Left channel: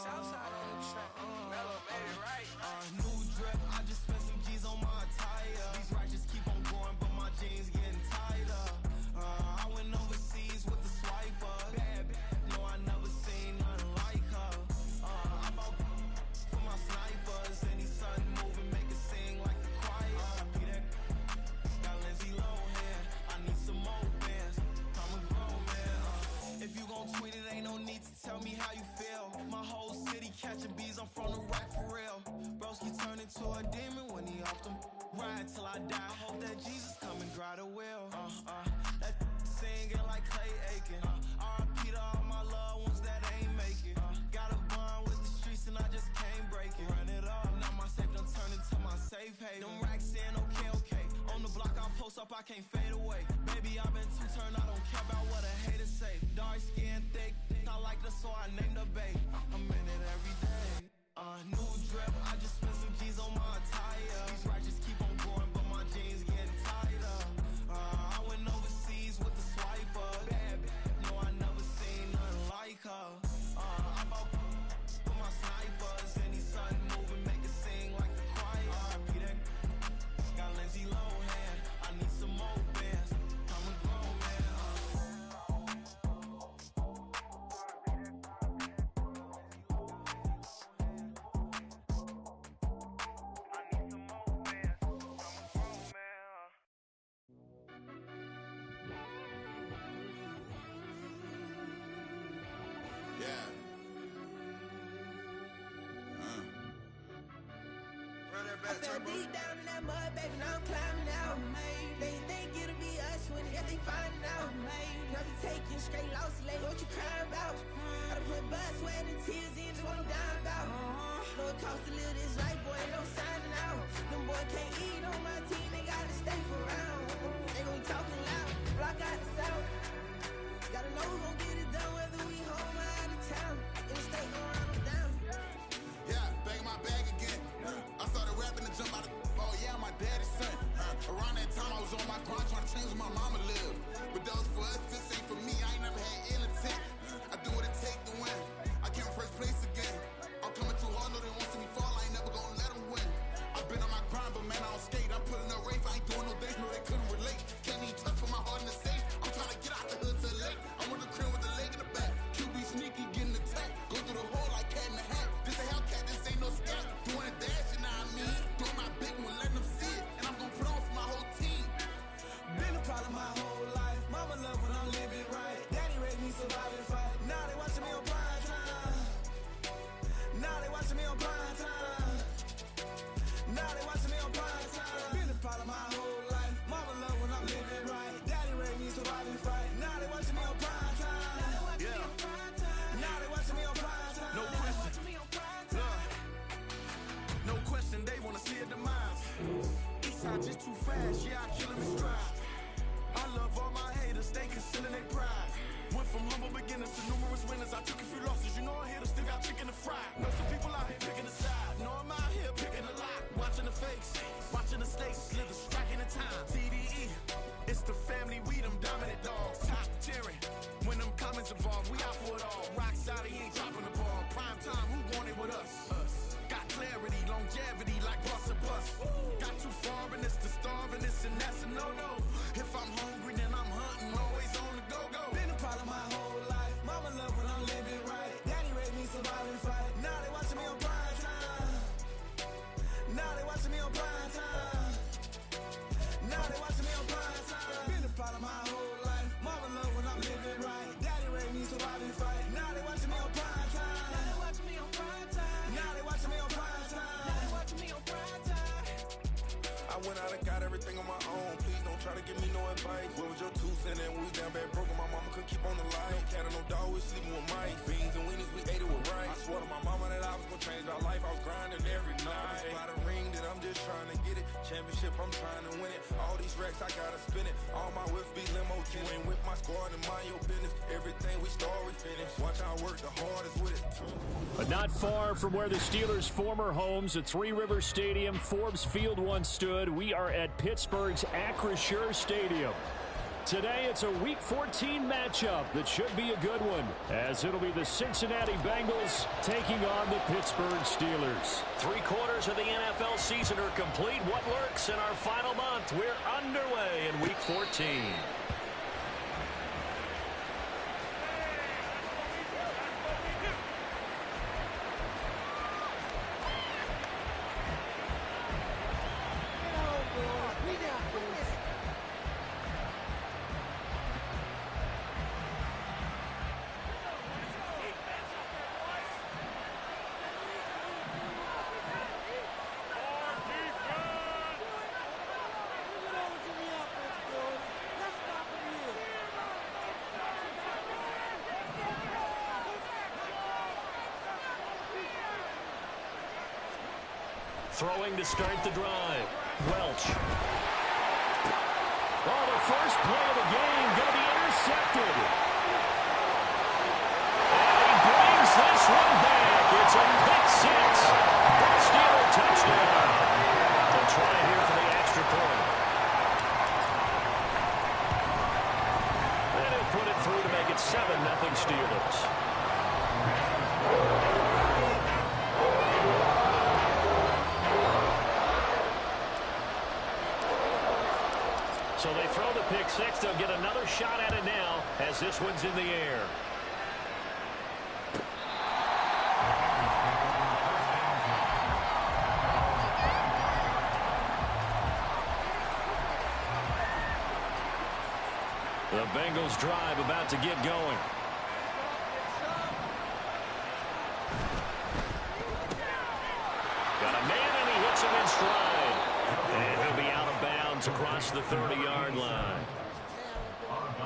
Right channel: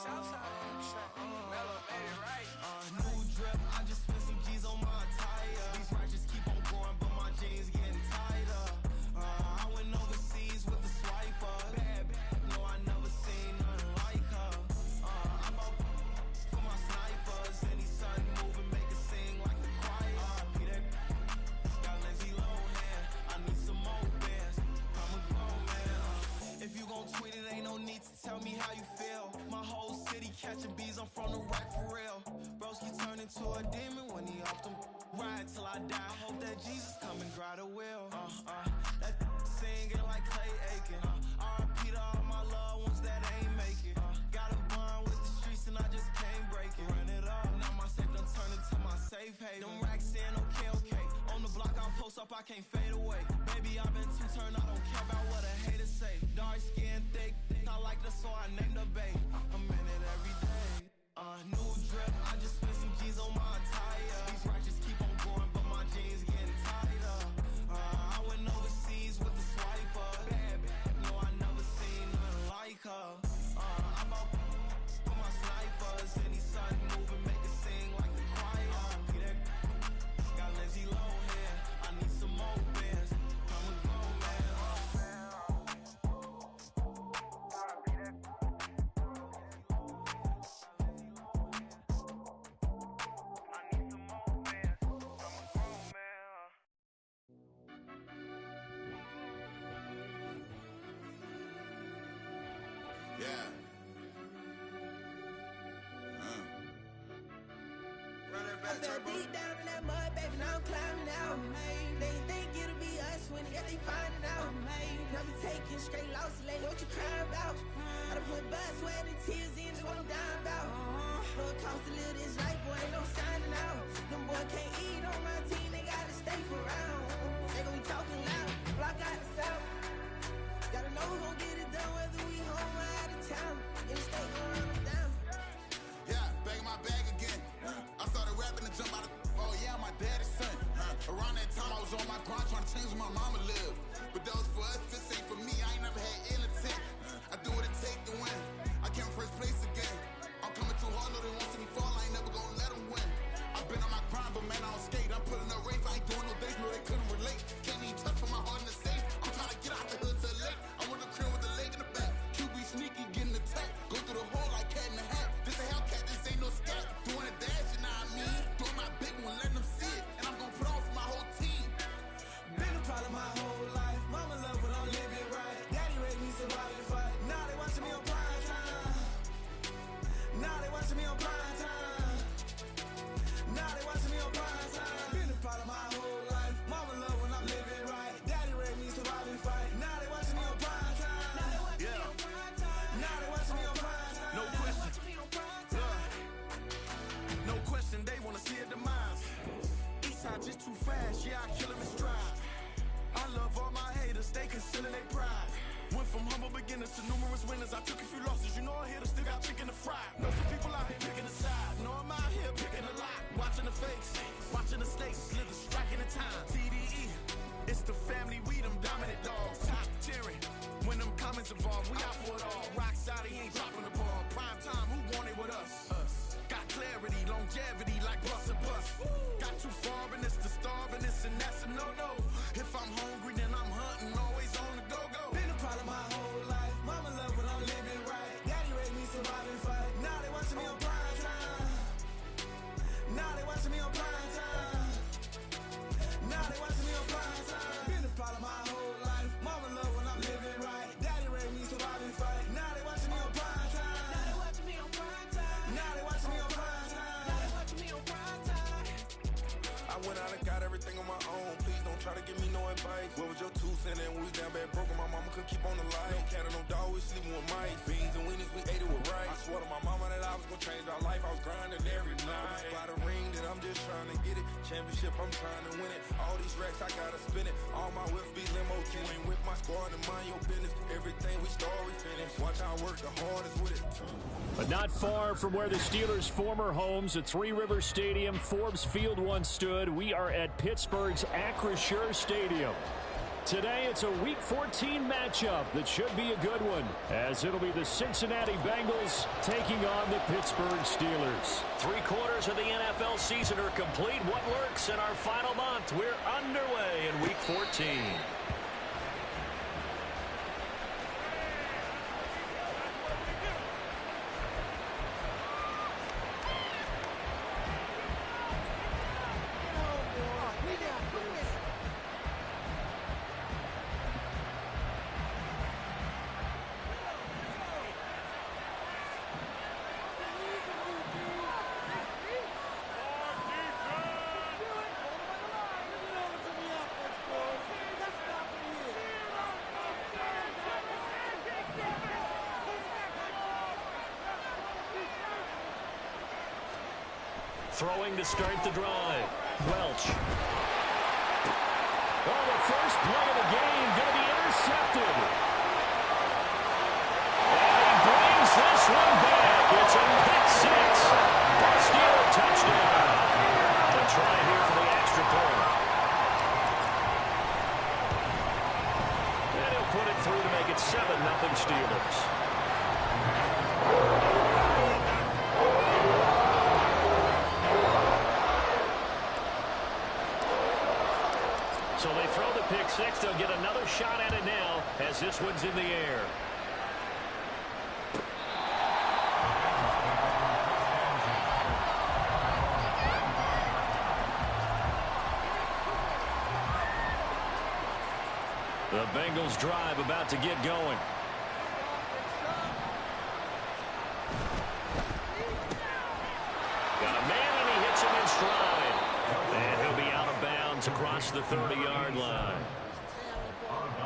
Southside on the track. Mellow made it right. New drip, I just spent some G's on my attire. These righteous keep on going, but my jeans getting tighter. I went overseas with the swiper. Bad, no, I never seen nothing like her. I bought for my snipers. Any sun moving, make it sing like the choir. Peter got Lindsay Lohan. I need some more bands. I'm a grown man. If you gon' tweet it, ain't no need to tell me how you feel. My whole city catching bees, I'm from the rack for real. Broski turned into a demon when he off them. Ride till I die. Hope that Jesus come and dry the wheel. That singing like Clay Aiken. R.I.P. to all my loved ones that ain't make it. Got a bond with the streets and I just can't break it. Run it up, now my safe done turned into my safe haven. Them racks in, okay. On the block I'll post up, I can't fade away. Baby, I've been too turned, I don't care about what a hater say. Dark skin, thick, I like the so I named the babe. I'm in it every day. New drip, I just spent some G's on my attire. These righteous keep on going, but my jeans getting tighter. I went overseas with the swiper. Bad, no, I never seen nothing like her. I bought for my snipers. Any sun moving, make it sing like the choir. Peter got Lindsay Lohan. I need some more bands. I'm a grown man. Yeah. Run that back, I fell turbo. deep down in that mud, baby, now I'm climbing out. They think it'll be us when they finding out. I be taking straight losses lately, what you crying about? I done put blood, sweat, and tears in, just what I'm dying about. Know it costs to live this life, boy, ain't no signing out. Them boy can't eat on my team, they gotta stay for round. They gon' be talking loud, block out the south. Gotta know who gon' get it done, whether we home or out of town. In the state, gon' run them down. Yeah, back in my bag again. I started rapping to jump out of. Oh yeah, I'm my daddy's son. Around that time, I was on my grind trying to change where my mama lived. But that was for us, this ain't for me. I ain't never had ill intent. I do what it take to win. I came in first place again. I'm coming too hard, know they won't see me fall. I ain't never gonna let them win. I've been on my grind, but man, I don't skate. I'm putting up race, I ain't doing no days, no, they couldn't relate. Can't even touch for my heart in the safe. I'm trying to get out the hood to the lake. I'm with the crib with the leg in the back. QB sneaky, getting attacked. Go through the hole like cat in the hat. This a Hellcat, this ain't no scat. Doing a dash, you know what I mean? Doing my big one, letting them see it. And I'm gonna put on for my whole team. Been a problem my whole life. Mama love when I'm living right. Daddy raised me survive and fight. Now they watching me on prime time. Now they watching me on prime time. Now they watching me on prime time. Been a problem my whole life. Mama love when I'm living right. Daddy raised me survive and fight. Now they watching me on prime time. Yeah. Now they watching me on prime time. No question. No question, they wanna see a demise. Eastside just too fast, yeah, I kill him in stride. I love all my haters, they concealing their pride. Went from humble beginners to numerous winners. I took a few losses, you know I hit, still got chicken to fry. Know some people out here picking a side, know I'm out here picking a lot. Watching the fakes, watching the stakes, slither, striking the time. TDE, it's the family, we them dominant dogs. Top tiering, when them comments involved, we out for it all. Rock side, he ain't dropping the ball. Prime time, who want it with us? Got clarity, longevity, like bust and bust. Got too far and it's the starving, this and that's a no-no. If I'm hungry, then I'm hunting, always on the go-go. Been a problem my whole life. Mama love when I'm living right. Daddy raised me survive and fight. Now they watching me on prime time. Now they watching me on prime time. Now they watching me on prime time. Been a problem my whole life. Mama love when I'm living right. Daddy raised me survive and fight. Now they watching me on prime time. Now they watching me on prime time. Now they watching me on prime time. Now they watching me on prime time. I went out and got everything on my own. Please don't try to give me no advice. What was your 2 cents and we was down bad broke and my mama couldn't keep on the light. No cat or no dog, we sleeping with mice. Beans and weenies, we ate it with rice. I swore to my mama that I was gonna change our life. I was grinding every night. By the ring that I'm just trying to get it. Championship, I'm trying to win it. All these racks, I gotta spin it. All my whips be limo tin. You ain't with my squad and mind your business. Everything we start, we finish. Watch our work, the hardest with it. But not far from where the Steelers' former homes at Three Rivers Stadium, Forbes Field once stood, we are at Pittsburgh's Acrisure Stadium. Today, it's a Week 14 matchup that should be a good one, as it'll be the Cincinnati Bengals taking on the Pittsburgh Steelers. 3 quarters of the NFL season are complete. What lurks in our final month? We're underway in Week 14. Throwing to start the drive. Welch. Oh, the first play of the game going to be intercepted. And he brings this one back. It's a pick six. First Steeler touchdown. To try here for the extra point. And he'll put it through to make it 7-0 Steelers. So they throw the pick six. They'll get another shot at it now as this one's in the air. The Bengals drive about to get going. Got a man and he hits him in stride. And he'll be out of bounds across the 30-yard line.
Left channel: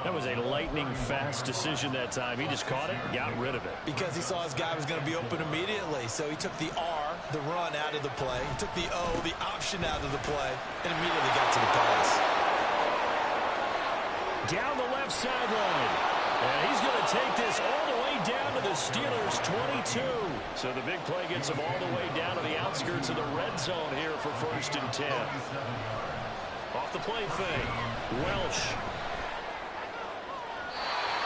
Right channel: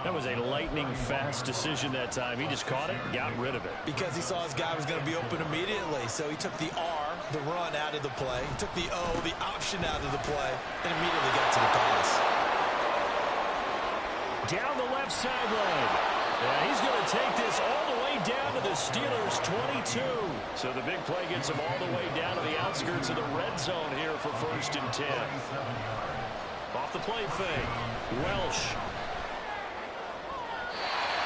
That was a lightning-fast decision that time. He just caught it and got rid of it. Because he saw his guy was going to be open immediately. So he took the R, the run, out of the play. He took the O, the option, out of the play, and immediately got to the pass. Down the left sideline. And he's going to take this all the way down to the Steelers' 22. So the big play gets him all the way down to the outskirts of the red zone here for 1st and 10. Off the play fake. Welch.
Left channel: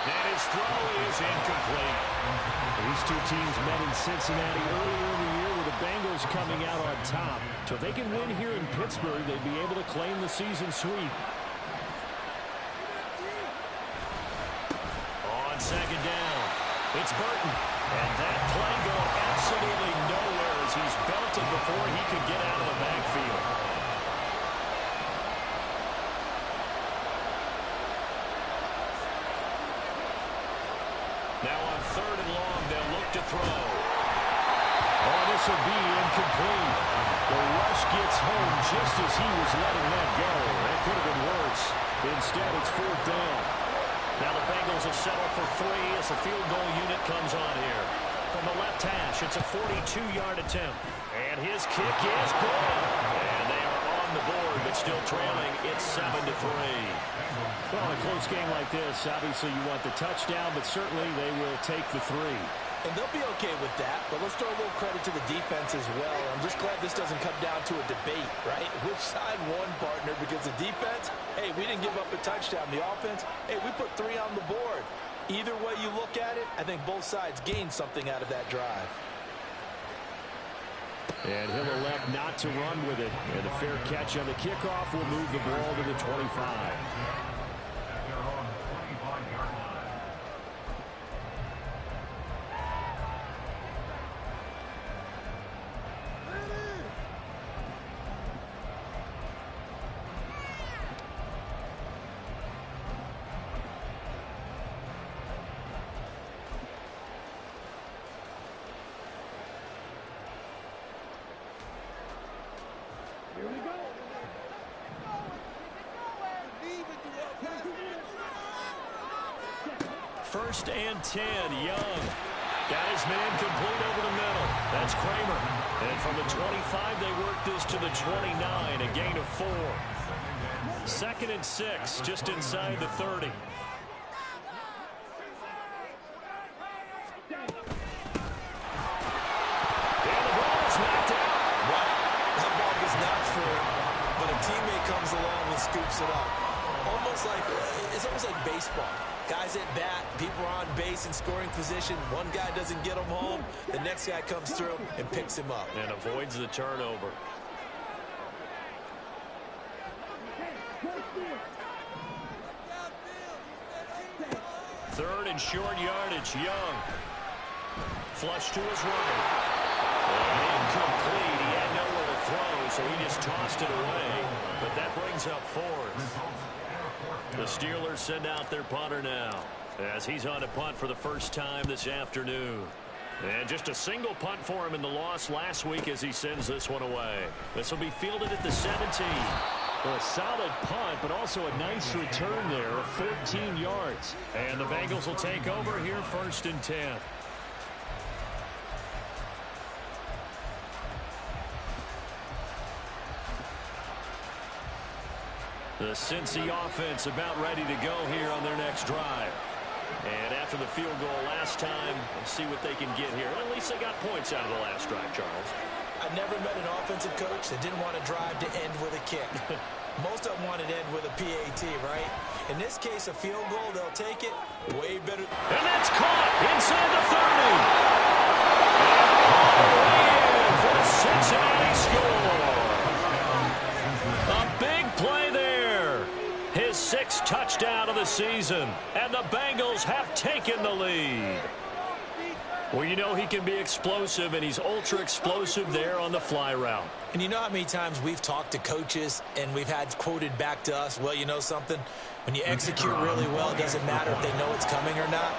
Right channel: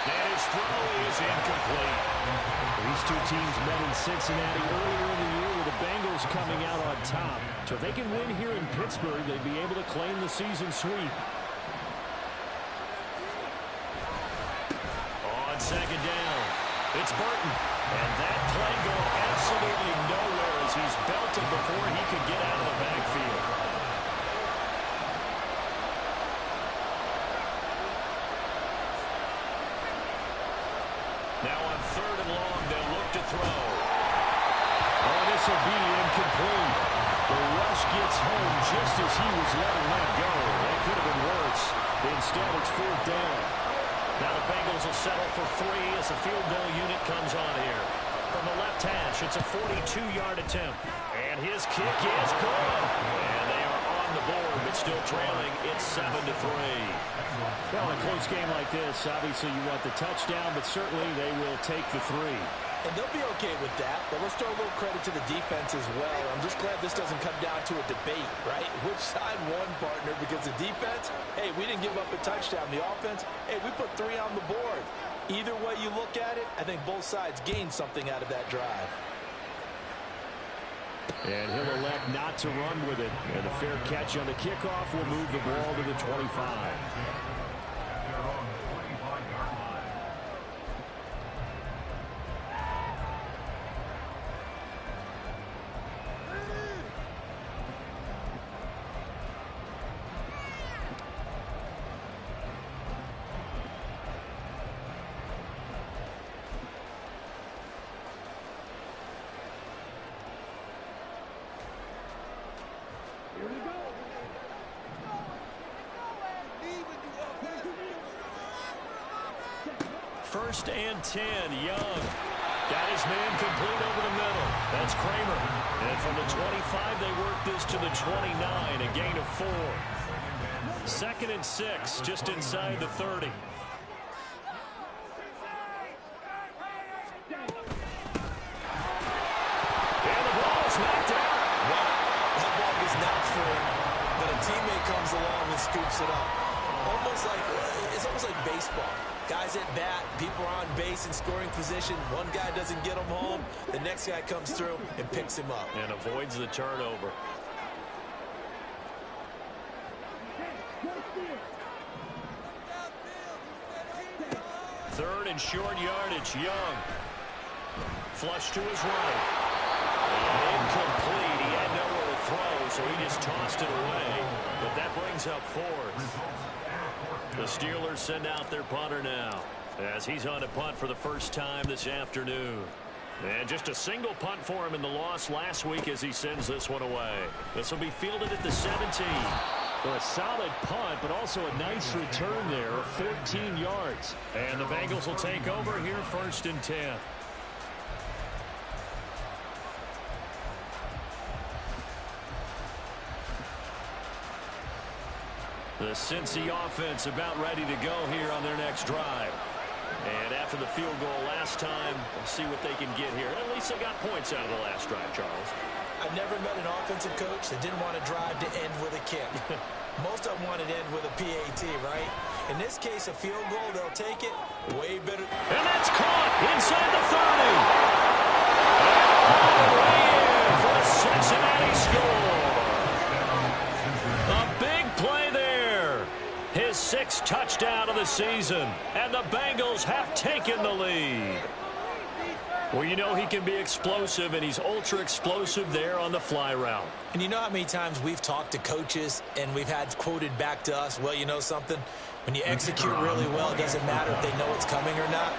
And his throw is incomplete. These two teams met in Cincinnati earlier in the year with the Bengals coming out on top. So if they can win here in Pittsburgh, they'd be able to claim the season sweep. On 2nd down, it's Burton. And that play going absolutely nowhere as he's belted before he could get out of the backfield. Now on 3rd and long, they'll look to throw. Oh, this will be incomplete. The rush gets home just as he was letting that go. That could have been worse. Instead, it's 4th down. Now the Bengals will settle for 3 as the field goal unit comes on here. From the left hash, it's a 42-yard attempt. And his kick is good. And they are on the board, but still trailing. It's 7-3. Well, in a close game like this, obviously you want the touchdown, but certainly they will take the 3. And they'll be okay with that, but let's throw a little credit to the defense as well. I'm just glad this doesn't come down to a debate, right? Which side won, partner? Because the defense, hey, we didn't give up a touchdown. The offense, hey, we put 3 on the board. Either way you look at it, I think both sides gained something out of that drive. And he'll elect not to run with it. And a fair catch on the kickoff will move the ball to the 25. First and 10, Young. Got his man complete over the middle. That's Kramer. And from the 25, they work this to the 29, a gain of 4. 2nd and 6, just inside the 30. And the ball is knocked out. Wow, that ball gets knocked free, but a teammate comes along and scoops it up. It's almost like baseball. Guys at bat, people are on base in scoring position. One guy doesn't get him home. The next guy comes through and picks him up. And avoids the turnover. Third and short yardage. Young. Flush to his right. And incomplete. He had nowhere to throw, so he just tossed it away. But that brings up fourth. The Steelers send out their punter now, as he's on to punt for the first time this afternoon. And just a single punt for him in the loss last week as he sends this one away. This will be fielded at the 17. So a solid punt, but also a nice return there of 14 yards. And the Bengals will take over here, 1st and 10. The Cincy offense about ready to go here on their next drive. And after the field goal last time, we'll see what they can get here. At least they got points out of the last drive, Charles. I never met an offensive coach that didn't want to drive to end with a kick. Most of them wanted to end with a PAT, right? In this case, a field goal, they'll take it way better. And that's caught inside the 30. And all the way in for a Cincinnati score. A big play there. His 6th touchdown of the season. And the Bengals have taken the lead. Well, you know he can be explosive, and he's ultra explosive there on the fly route. And you know how many times we've talked to coaches and we've had quoted back to us, well, you know something? When you execute really well, it doesn't matter if they know it's coming or not.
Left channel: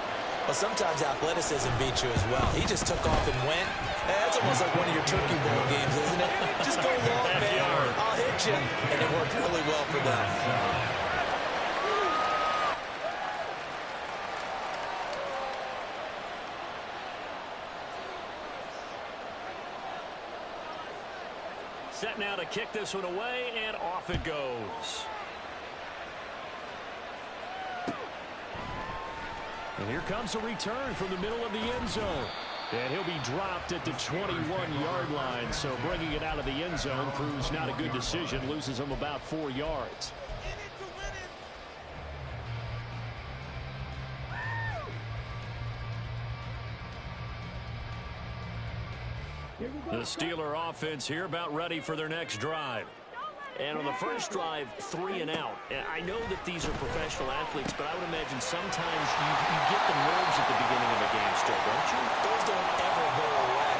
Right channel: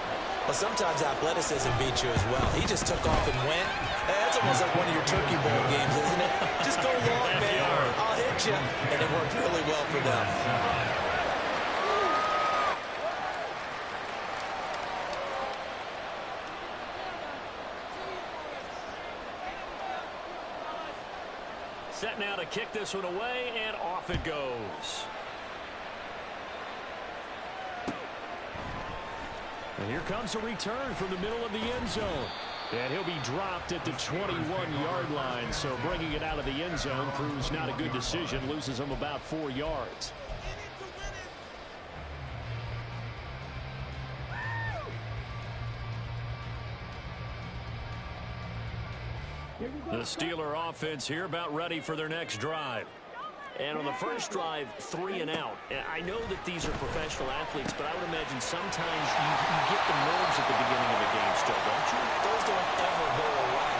Well, sometimes athleticism beats you as well. He just took off and went. That's almost like one of your Turkey Bowl games, isn't it? Just go long, man. I'll hit you. And it worked really well for them. Set now to kick this one away, and off it goes. And here comes a return from the middle of the end zone. And he'll be dropped at the 21-yard line. So bringing it out of the end zone proves not a good decision. Loses him about 4 yards. The Steeler offense here about ready for their next drive. And on the first drive, 3 and out. I know that these are professional athletes, but I would imagine sometimes you get the nerves at the beginning of a game still, don't you? Those don't ever go away.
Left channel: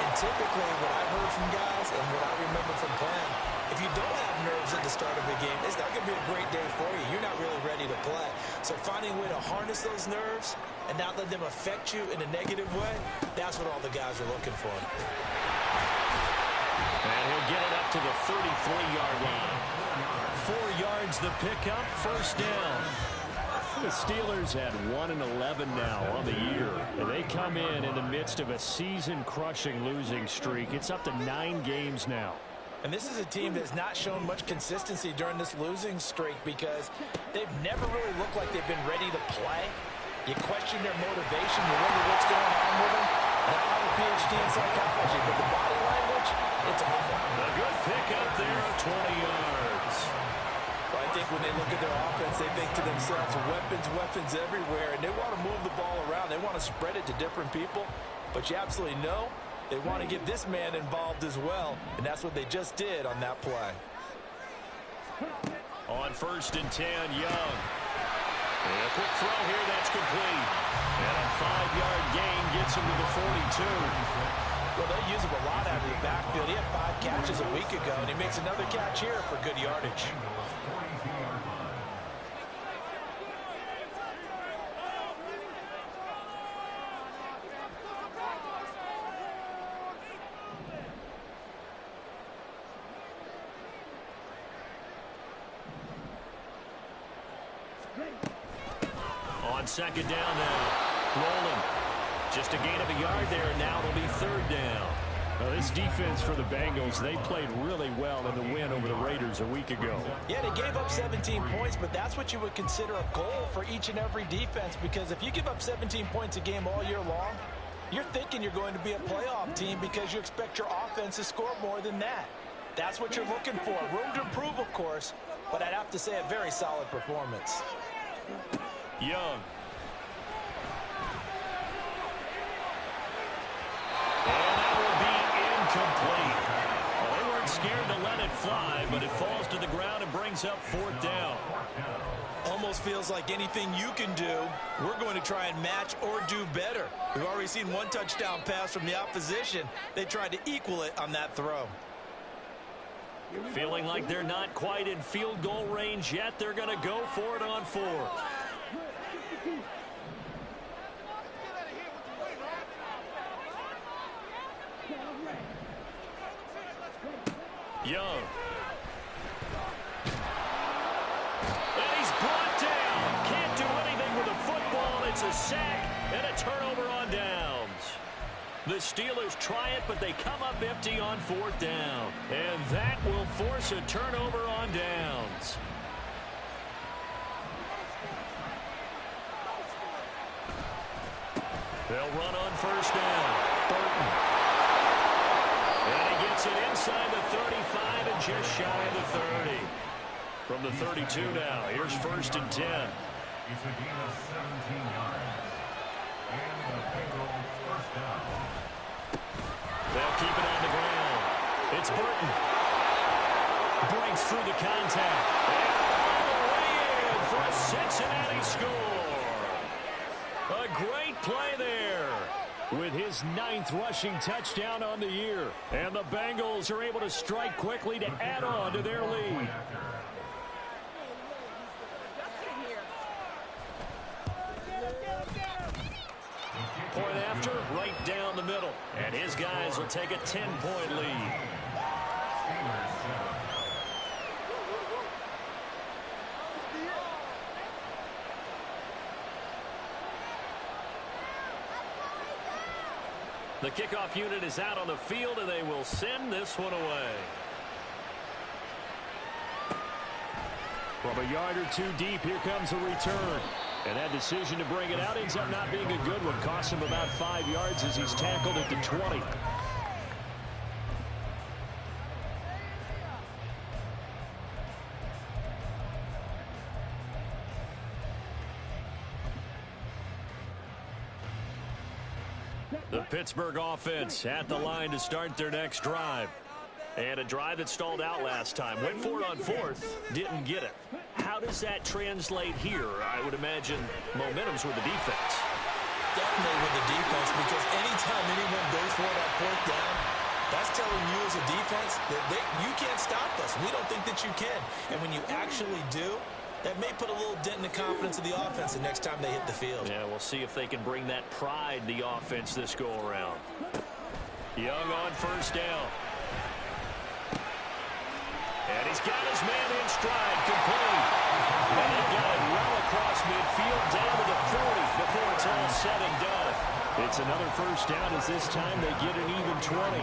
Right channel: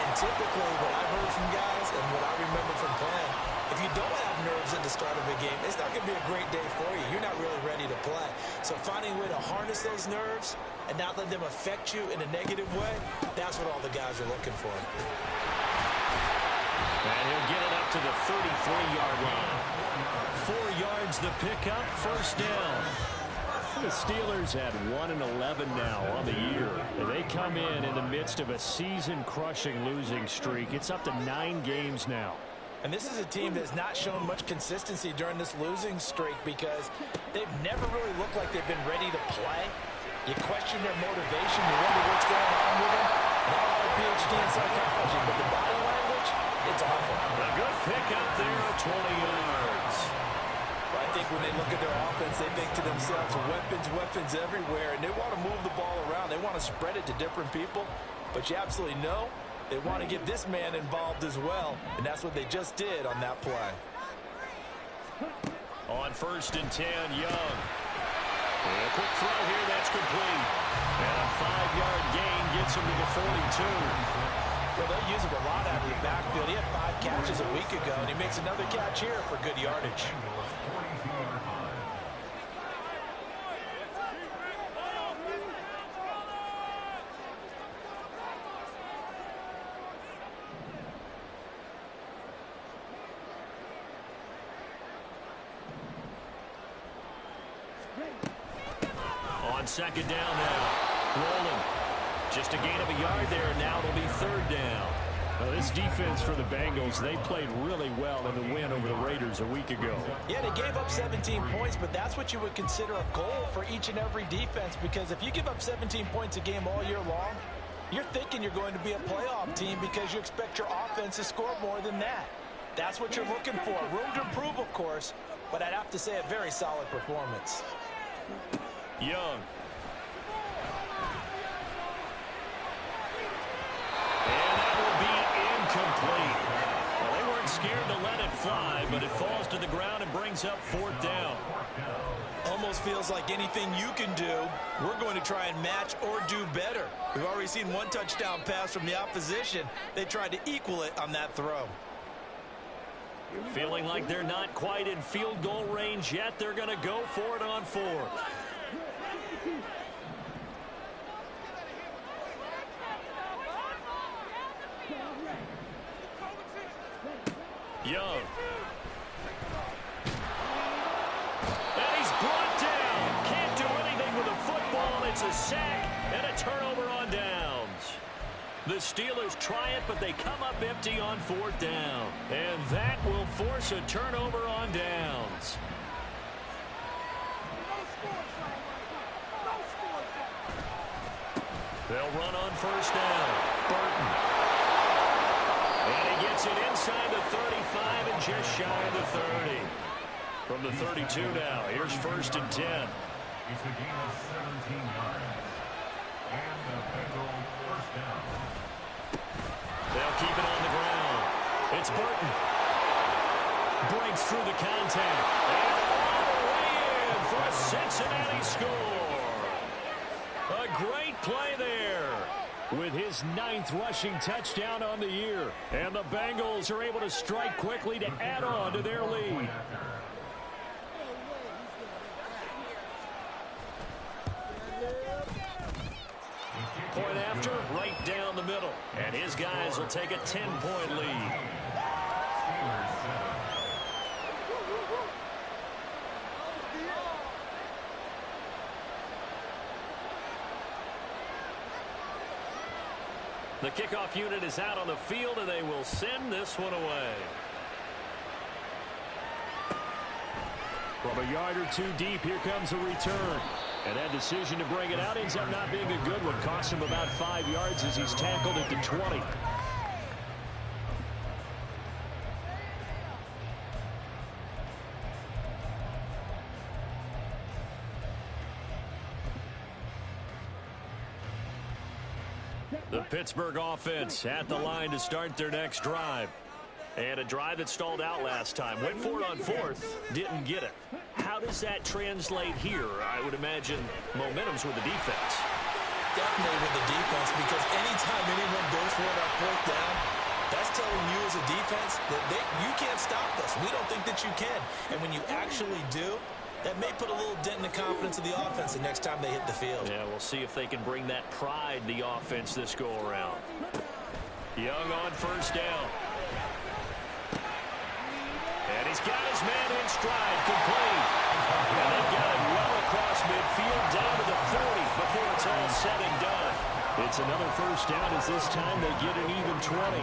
And typically what I've heard from guys and what I remember from playing, if you don't have nerves at the start of a game, it's not going to be a great day for you. You're not really ready to play. So finding a way to harness those nerves and not let them affect you in a negative way, that's what all the guys are looking for. And he'll get it up to the 33-yard line. 4 yards the pickup, first down. The Steelers had 1-11 now on the year. And they come in the midst of a season-crushing losing streak. It's up to 9 games now. And this is a team that's not shown much consistency during this losing streak because they've never really looked like they've been ready to play. You question their motivation. You wonder what's going on with them. And I don't have a PhD in psychology, but the body language, it's awful. A good pickup there of 20 yards. Well, I think when they look at their offense, they think to themselves, weapons everywhere, and they want to move the ball around. They want to spread it to different people, but you absolutely know they want to get this man involved as well, and that's what they just did on that play. On 1st and 10, Young. And a quick throw here, that's complete. And a 5-yard gain gets him to the 42. Well, they use him a lot out of the backfield. He had 5 catches a week ago, and he makes another catch here for good yardage. On 2nd down now. Rolling. Just a gain of a yard there, and now it'll be 3rd down. Well, this defense for the Bengals, they played really well in the win over the Raiders a week ago. Yeah, they gave up 17 points, but that's what you would consider a goal for each and every defense, because if you give up 17 points a game all year long, you're thinking you're going to be a playoff team because you expect your offense to score more than that. That's what you're looking for. Room to improve, of course, but I'd have to say a very solid performance. Young. And that will be incomplete. Well, they weren't scared to let it fly, but it falls to the ground and brings up 4th down. Almost feels like anything you can do, we're going to try and match or do better. We've already seen one touchdown pass from the opposition. They tried to equal it on that throw. Feeling like they're not quite in field goal range yet. They're going to go for it on 4th. Young. And he's brought down. Can't do anything with the football. It's a sack and a turnover on downs. The Steelers try it, but they come up empty on 4th down. And that will force a turnover on downs. They'll run on 1st down. Burton. And he gets it inside the 35 and just shy of the 30. From the 32 now, here's 1st and 10. It's a gain of 17 yards. And the Bengals 1st down. They'll keep it on the ground. It's Burton. Breaks through the contact. And all the way in for a Cincinnati score. A great play there. With his 9th rushing touchdown on the year. And the Bengals are able to strike quickly to add on to their lead. Point after, right down the middle. And his guys will take a 10-point lead. The kickoff unit is out on the field, and they will send this one away. From a yard or 2 deep, here comes a return. And that decision to bring it out ends up not being a good one. Costs him about 5 yards as he's tackled at the 20. The Pittsburgh offense at the line to start their next drive. And a drive that stalled out last time. Went for it on 4th, didn't get it. How does that translate here? I would imagine momentum's with the defense. Definitely with the defense, because anytime anyone goes for it on 4th down, that's telling you as a defense that you can't stop us. We don't think that you can. And when you actually do, that may put a little dent in the confidence of the offense the next time they hit the field. Yeah, we'll see if they can bring that pride in the offense this go-around. Young on 1st down. And he's got his man in stride, complete. And they've got it well across midfield, down to the 40 before it's all said and done. It's another 1st down as this time they get an even 20.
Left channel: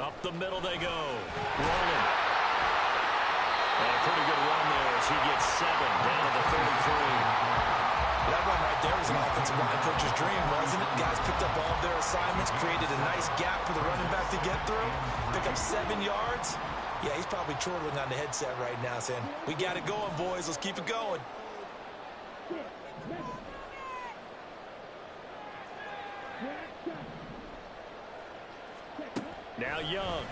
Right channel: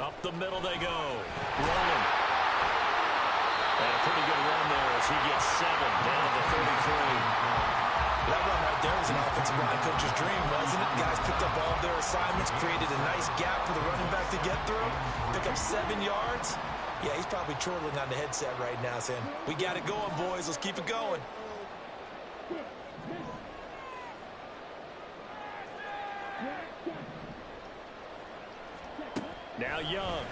Up the middle they go. Rolling. And a pretty good run there as he gets 7 down to the 33. That run right there was an offensive line coach's dream, wasn't it? Guys picked up all of their assignments, created a nice gap for the running back to get through, pick up 7 yards. Yeah, he's probably chortling on the headset right now saying, we got it going, boys. Let's keep it going. Now Young.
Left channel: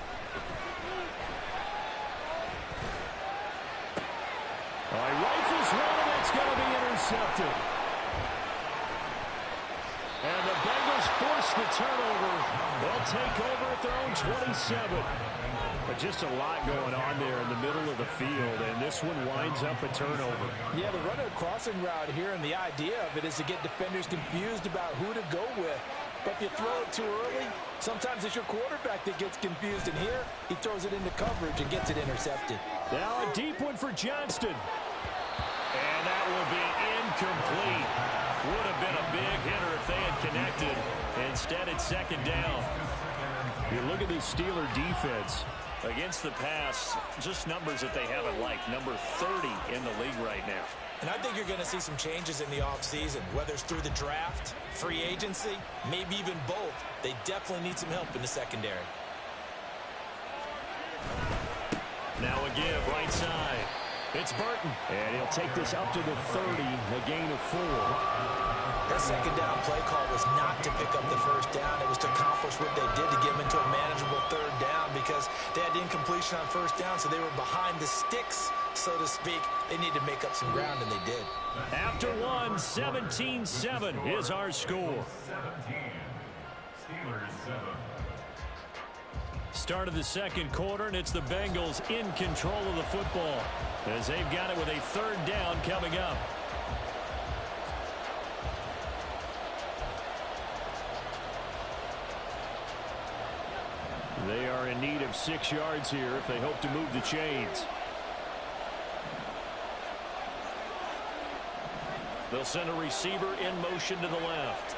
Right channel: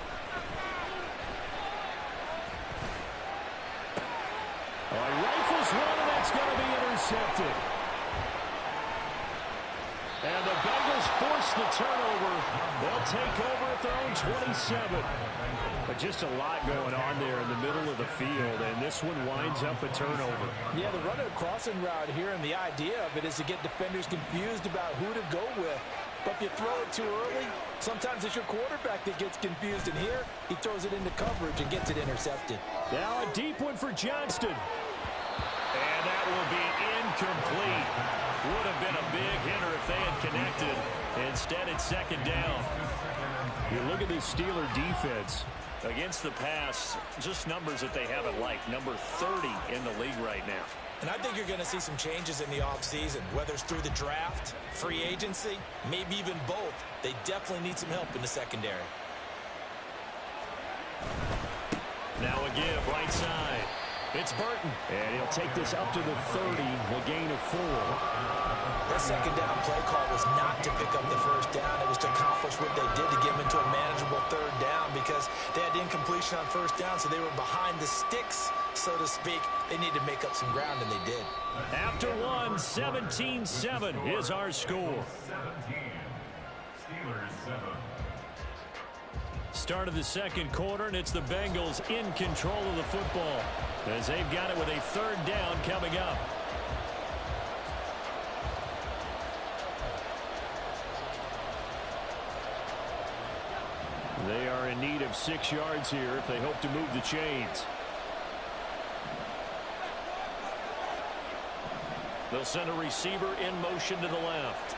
Oh, he rifles one, and that's going to be intercepted. And the Bengals force the turnover. They'll take over at their own 27. But just a lot going on there in the middle of the field, and this one winds up a turnover. Yeah, they're running a crossing route here, and the idea of it is to get defenders confused about who to go with. But if you throw it too early, sometimes it's your quarterback that gets confused, and here he throws it into coverage and gets it intercepted. Now a deep one for Johnston. And that will be incomplete. Would have been a big hitter if they had connected. Instead, it's 2nd down. You look at this Steeler defense. Against the pass, just numbers that they haven't liked. Number 30 in the league right now. And I think you're going to see some changes in the offseason, whether it's through the draft, free agency, maybe even both. They definitely need some help in the secondary. Now a give, right side. It's Burton. And he'll take this up to the 30, a gain of 4. That second down play call was not to pick up the first down. It was to accomplish what they did to get them into a manageable third down because they had incompletion on first down, so they were behind the sticks, so to speak. They needed to make up some ground, and they did. After one, 17-7 is our score. 17. Steelers 7. Start of the second quarter, and it's the Bengals in control of the football as they've got it with a third down coming up. They are in need of 6 yards here if they hope to move the chains. They'll send a receiver in motion to the left.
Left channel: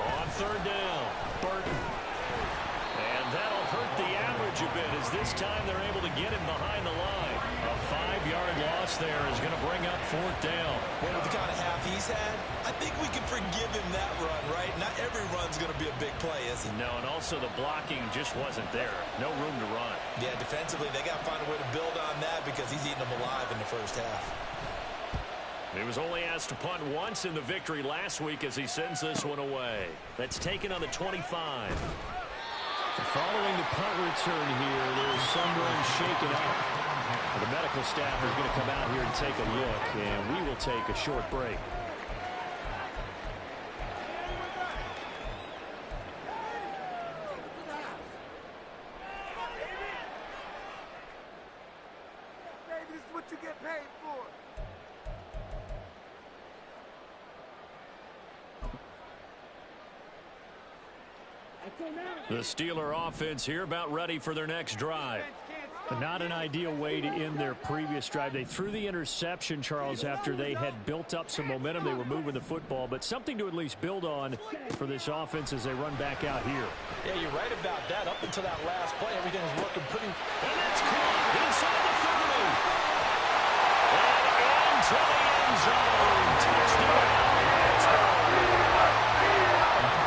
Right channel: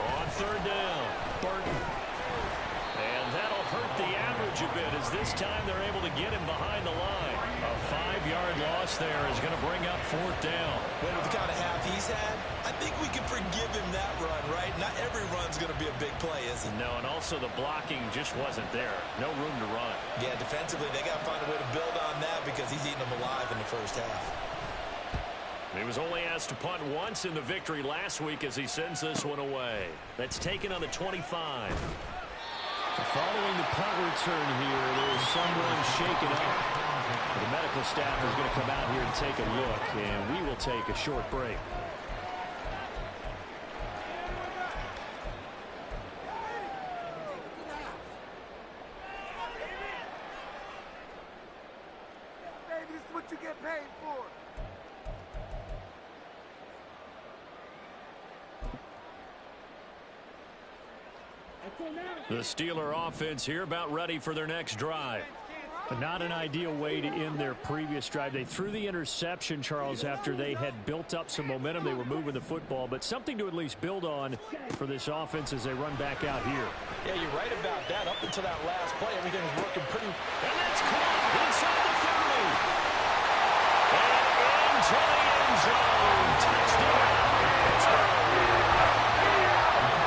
On third down, Burton. And that'll hurt the average a bit as this time they're able to get him behind the line. A 5-yard loss there is going to bring up fourth down. Well, with the kind of half he's had, I think we can forgive him that run, right? Not every run's going to be a big play, is it? No, and also the blocking just wasn't there. No room to run. Yeah, defensively, they got to find a way to build on that because he's eating them alive in the first half. He was only asked to punt once in the victory last week as he sends this one away. That's taken on the 25. Following the punt return here, there's someone shaken up. The medical staff is going to come out here and take a look, and we will take a short break. Baby, this is what you get paid for. The Steeler offense here about ready for their next drive. Not an ideal way to end their previous drive. They threw the interception, Charles, after they had built up some momentum. They were moving the football, but something to at least build on for this offense as they run back out here. Yeah, you're right about that. Up until that last play, everything was working pretty. And that's caught inside the 30. And into the end zone. Touchdown.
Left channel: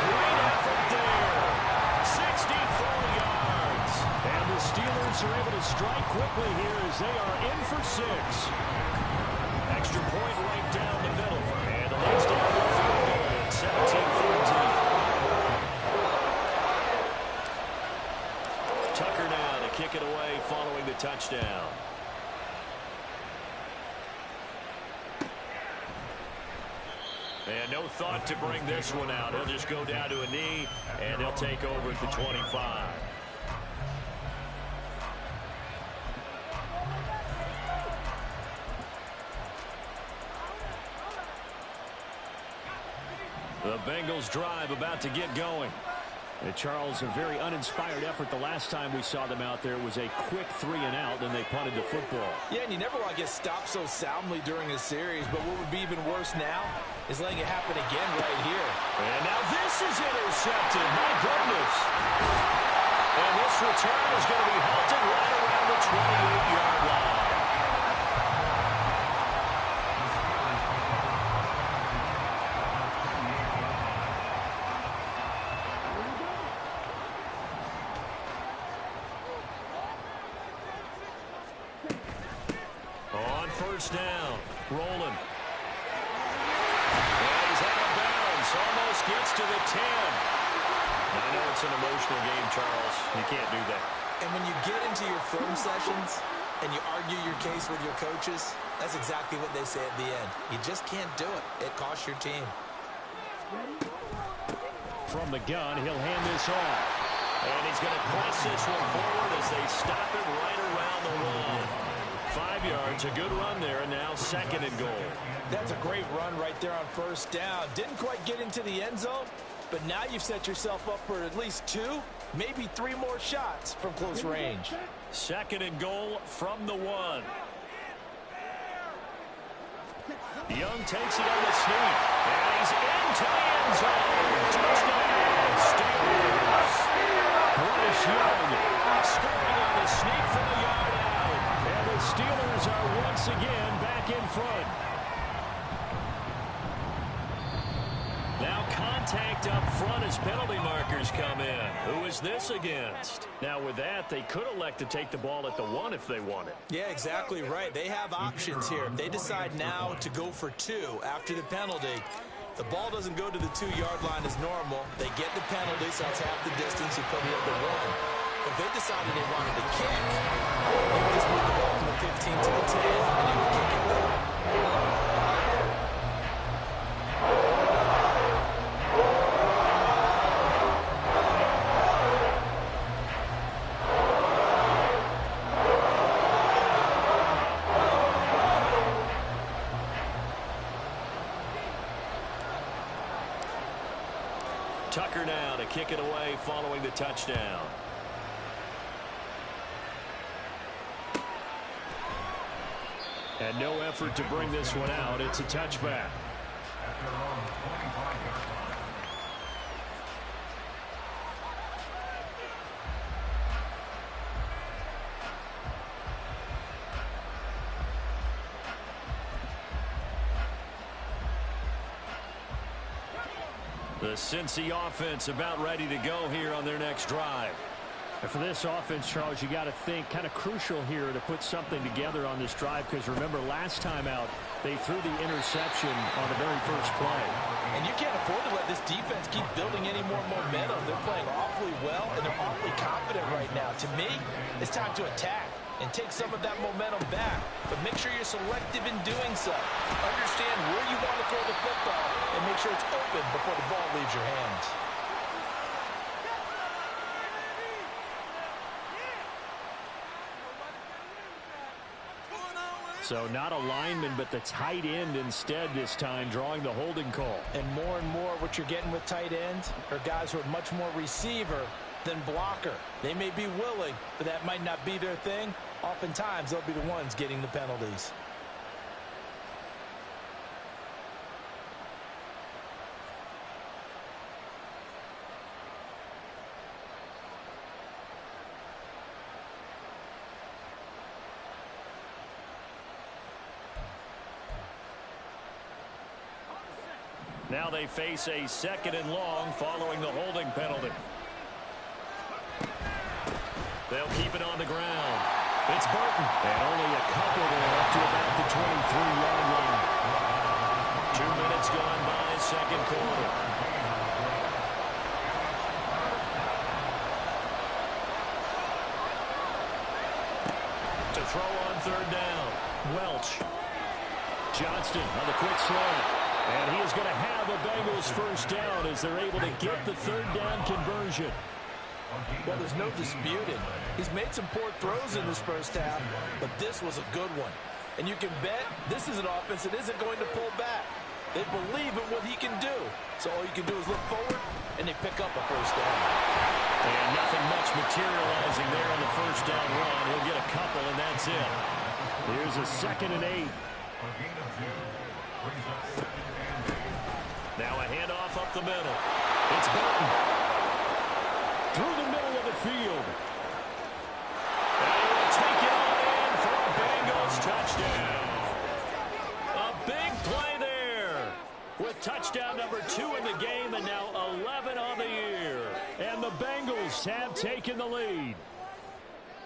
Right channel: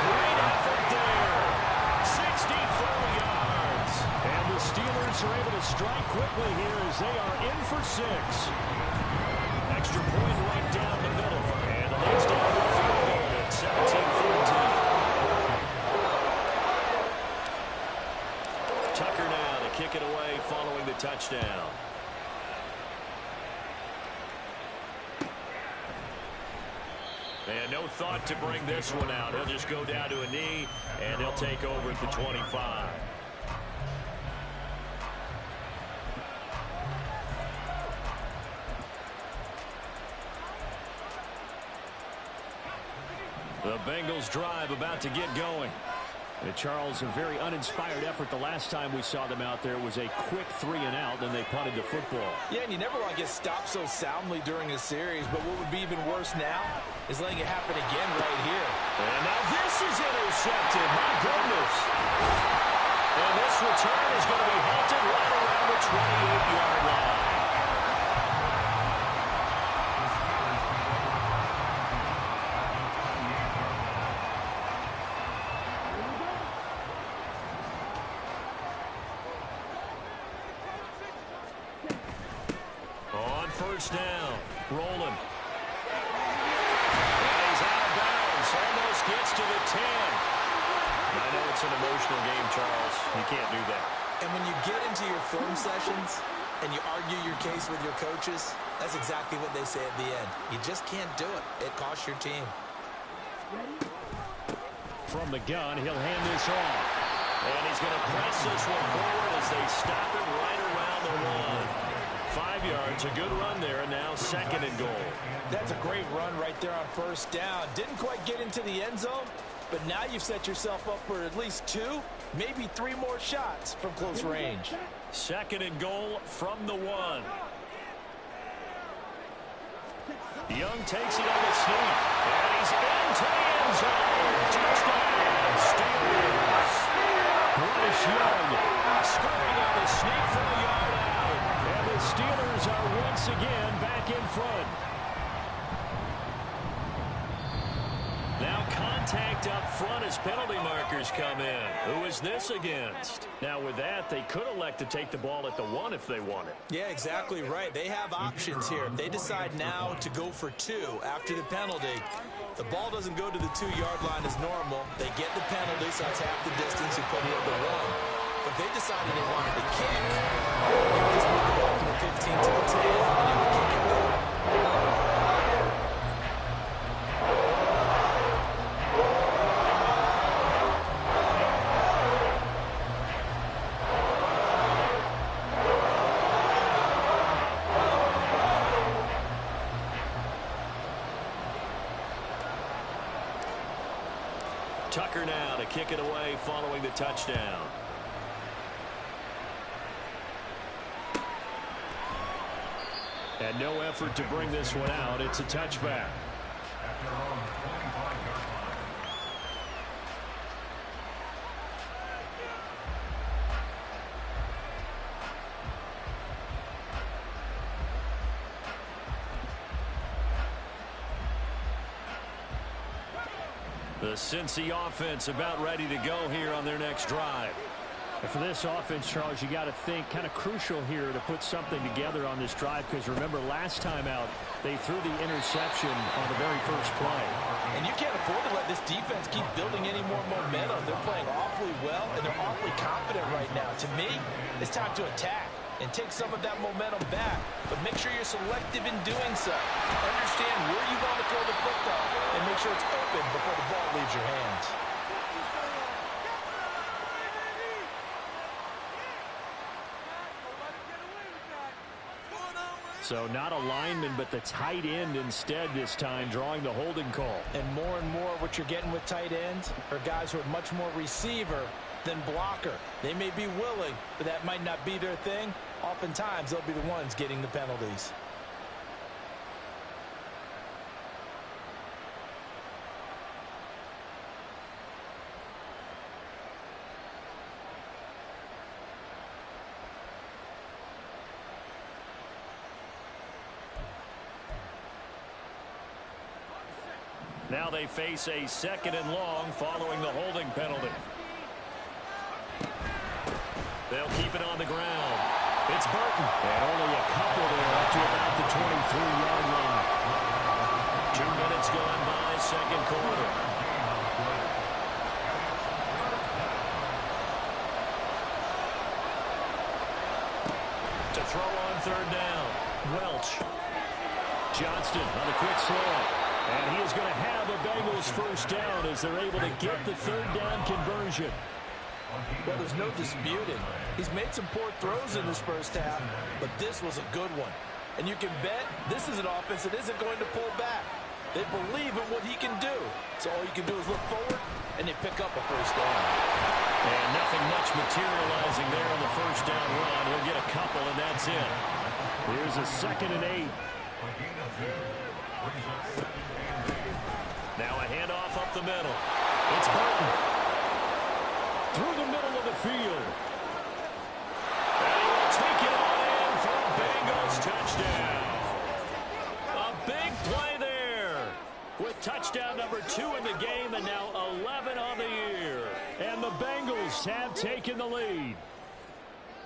Great effort there. 64 yards. And the Steelers are able to strike quickly here as they are in for 6. Extra point right down the middle. And the lead's down to the field goal at 17-14. Tucker now to kick it away following the touchdown. And no thought to bring this one out. He'll just go down to a knee, and they'll take over at the 25. The Bengals drive about to get going. And Charles, a very uninspired effort the last time we saw them out there. It was a quick 3-and-out, and they punted the football. Yeah, and you never want to get stopped so soundly during a series, but what would be even worse now is letting it happen again right here. And now this is intercepted. My goodness. And this return is going to be halted right around the 28-yard line. First down, rolling. And he's out of bounds, almost gets to the 10. I know it's an emotional game, Charles. You can't do that. And when you get into your film sessions and you argue your case with your coaches, that's exactly what they say at the end. You just can't do it. It costs your team. From the gun, he'll hand this off. And he's going to press this one forward as they stop it right around the 1. 5 yards, a good run there, and now 2nd and goal. That's a great run right there on first down. Didn't quite get into the end zone, but now you've set yourself up for at least 2, maybe 3 more shots from close range. 2nd and goal from the 1. Young takes it on the sneak, and he's into the end zone. Touchdown, Steelers. Bryce Young scoring on the sneak from a yard out. And the Steelers are once again back in front. Now contact up front as penalty markers come in. Who is this against? Now with that, they could elect to take the ball at the 1 if they wanted. Yeah, exactly right. They have options here. If they decide now to go for 2 after the penalty, the ball doesn't go to the 2-yard line as normal. They get the penalty, so that's half the distance. You put it at the 1. But if they decided they wanted to kick, they would just move the ball from the 15 to the 10, and they would kick it back. Tucker now to kick it away following the touchdown. And no effort to bring this one out. It's a touchback. At their own 25-yard line. The Cincy offense about ready to go here on their next drive. And for this offense, Charles, you got to think kind of crucial here to put something together on this drive, because remember last time out they threw the interception on the very first play. And you can't afford to let this defense keep building any more momentum. They're playing awfully well, and they're awfully confident right now. To me, it's time to attack and take some of that momentum back. But make sure you're selective in doing so. Understand where you want to throw the football and make sure it's open before the ball leaves your hands. So not a lineman, but the tight end instead this time, drawing the holding call. And more what you're getting with tight ends are guys who are much more receiver than blocker. They may be willing, but that might not be their thing. Oftentimes, they'll be the ones getting the penalties. Now they face a 2nd and long following the holding penalty. They'll keep it on the ground. It's Burton. And only a couple there up to about the 23-yard line. 2 minutes gone by, second quarter. To throw on 3rd down. Welch. Johnston on the quick slant. And he is going to have a Bengals 1st down as they're able to get the 3rd down conversion. Well, there's no disputing. He's made some poor throws in this first half, but this was a good one. And you can bet this is an offense that isn't going to pull back. They believe in what he can do. So all you can do is look forward, and they pick up a 1st down. And nothing much materializing there on the 1st down run. He'll get a couple, and that's it. Here's a 2nd and 8. Now a handoff up the middle. It's Burton. Through the middle of the field. And he will take it on in for a Bengals touchdown. A big play there. With touchdown number 2 in the game and now 11 on the year. And the Bengals have taken the lead.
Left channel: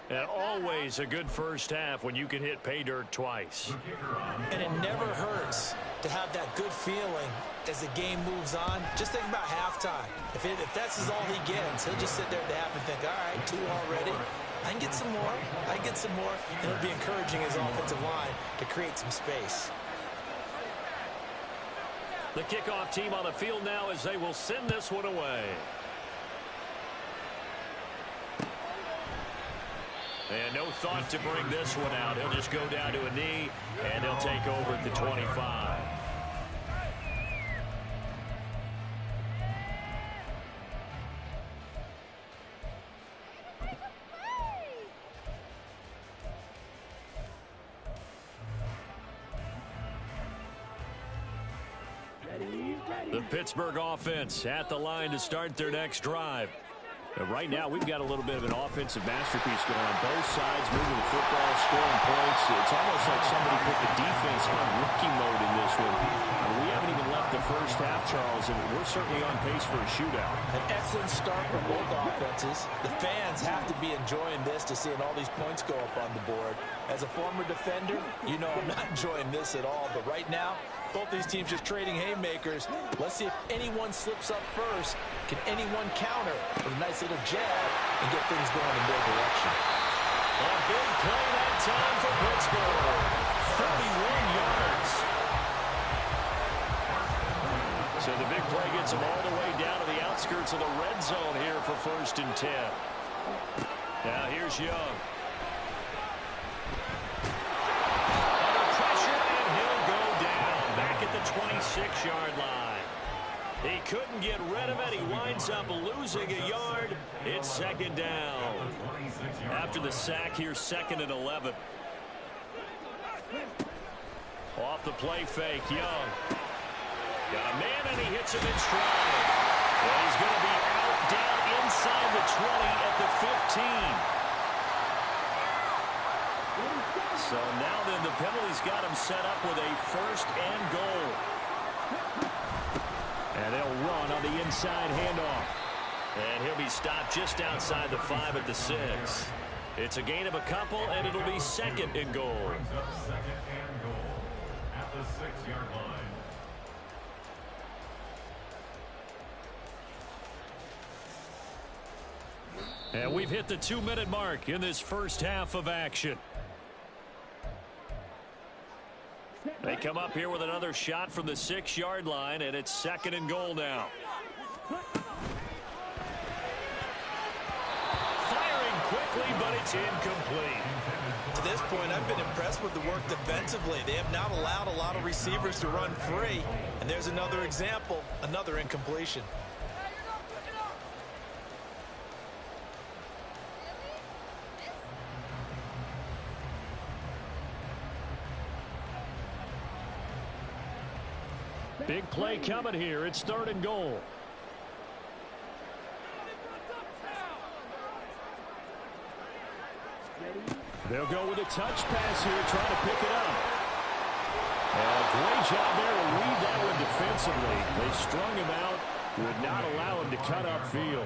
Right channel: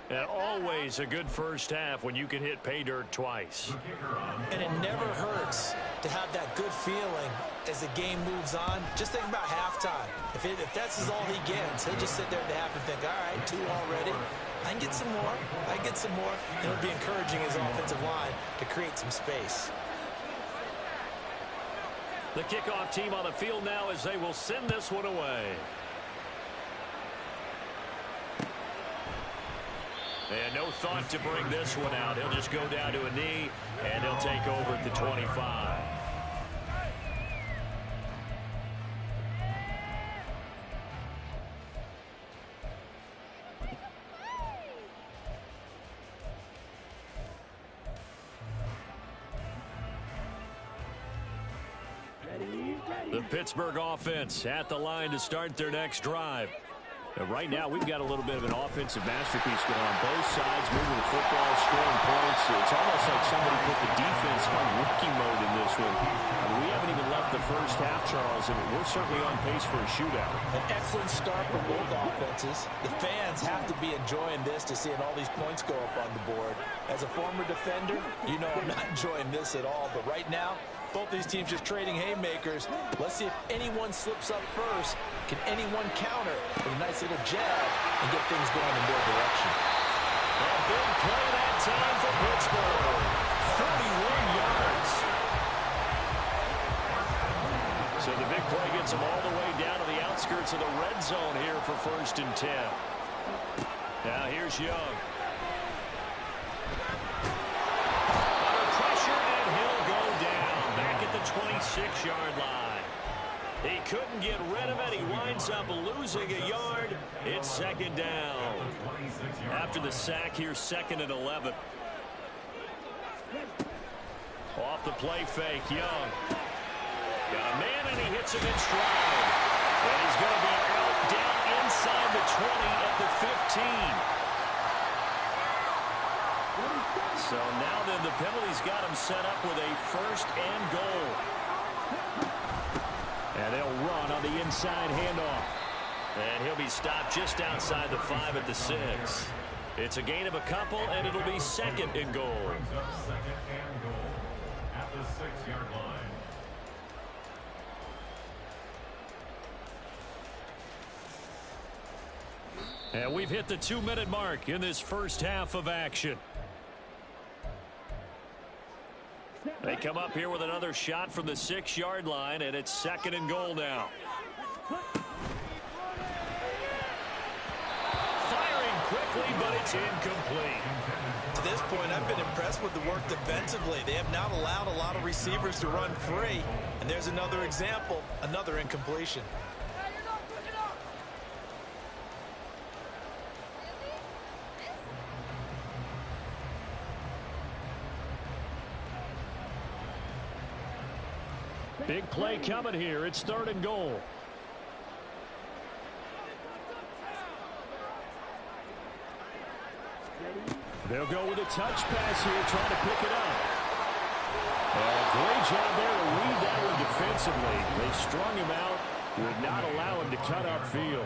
And always a good first half when you can hit pay dirt twice. And it never hurts to have that good feeling as the game moves on. Just think about halftime. If that's all he gets, he'll just sit there at the half and think, all right, 2 already. I can get some more. I can get some more. And it'll be encouraging his offensive line to create some space. The kickoff team on the field now as they will send this one away. And no thought to bring this one out. He'll just go down to a knee, and he'll take over at the 25. The Pittsburgh offense at the line to start their next drive. And right now, we've got a little bit of an offensive masterpiece going on both sides, moving the football, scoring points. It's almost like somebody put the defense on rookie mode in this one. I mean, we haven't even left the first half, Charles, and we're certainly on pace for a shootout. An excellent start for both offenses. The fans have to be enjoying this to seeing all these points go up on the board. As a former defender, you know I'm not enjoying this at all. But right now, both these teams just trading haymakers. Let's see if anyone slips up first. Can anyone counter with a nice little jab and get things going in their direction? A big play that time for Pittsburgh. 41 yards. So the big play gets them all the way down to the outskirts of the red zone here for 1st and 10. Now here's Young. Under pressure, and he'll go down back at the 26-yard line. He couldn't get rid of it. He winds up losing a yard. It's 2nd down. After the sack, here's 2nd and 11. Off the play fake, Young. Got a man, and he hits him in stride. And he's going to be out down inside the 20 at the 15. So now then the penalty's got him set up with a 1st and goal. And they'll run on the inside handoff. And he'll be stopped just outside the 5 at the 6. It's a gain of a couple, and it'll be 2nd and goal. 2nd and goal at the 6-yard line. And we've hit the 2-minute mark in this first half of action. They come up here with another shot from the 6-yard line, and it's 2nd and goal now. Firing quickly, but it's incomplete. To this point, I've been impressed with the work defensively. They have not allowed a lot of receivers to run free. And there's another example, another incompletion. Big play coming here. It's 3rd and goal. They'll go with a touch pass here, trying to pick it up. And a great job there to read that one defensively. They strung him out, would not allow him to cut upfield.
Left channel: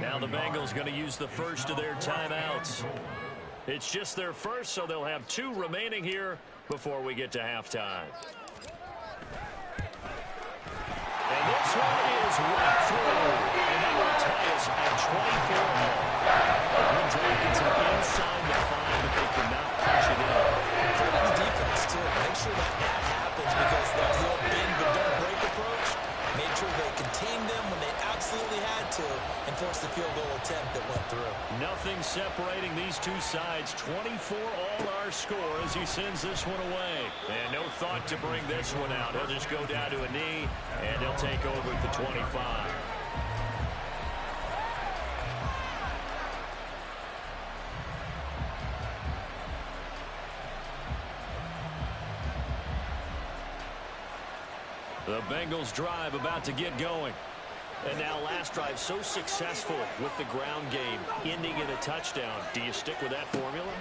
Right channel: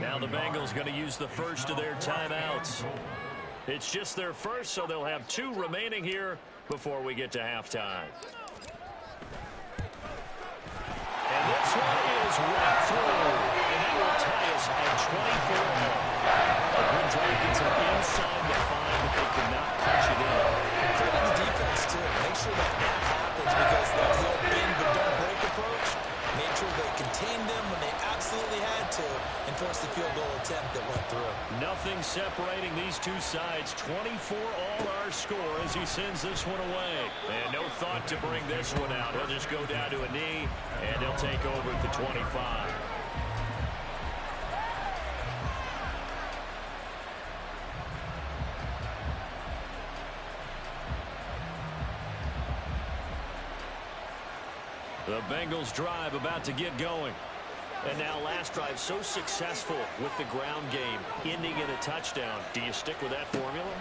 Now the Bengals going to use the first of their timeouts. It's just their first, so they'll have 2 remaining here before we get to halftime. And this one is right through. And that will tie us at 24 all. A good drive gets them inside the 5, but they cannot punch it in. Credit the defense, too. Make sure that happens because that's the old bend but don't break approach. Made sure they contained them when they absolutely had to and forced the field goal attempt that went through. Nothing separating these two sides. 24 all our score as he sends this one away. And no thought to bring this one out. He'll just go down to a knee, and he'll take over at the 25. The Bengals drive about to get going. And now last drive so successful with the ground game, ending in a touchdown. Do you stick with that formula?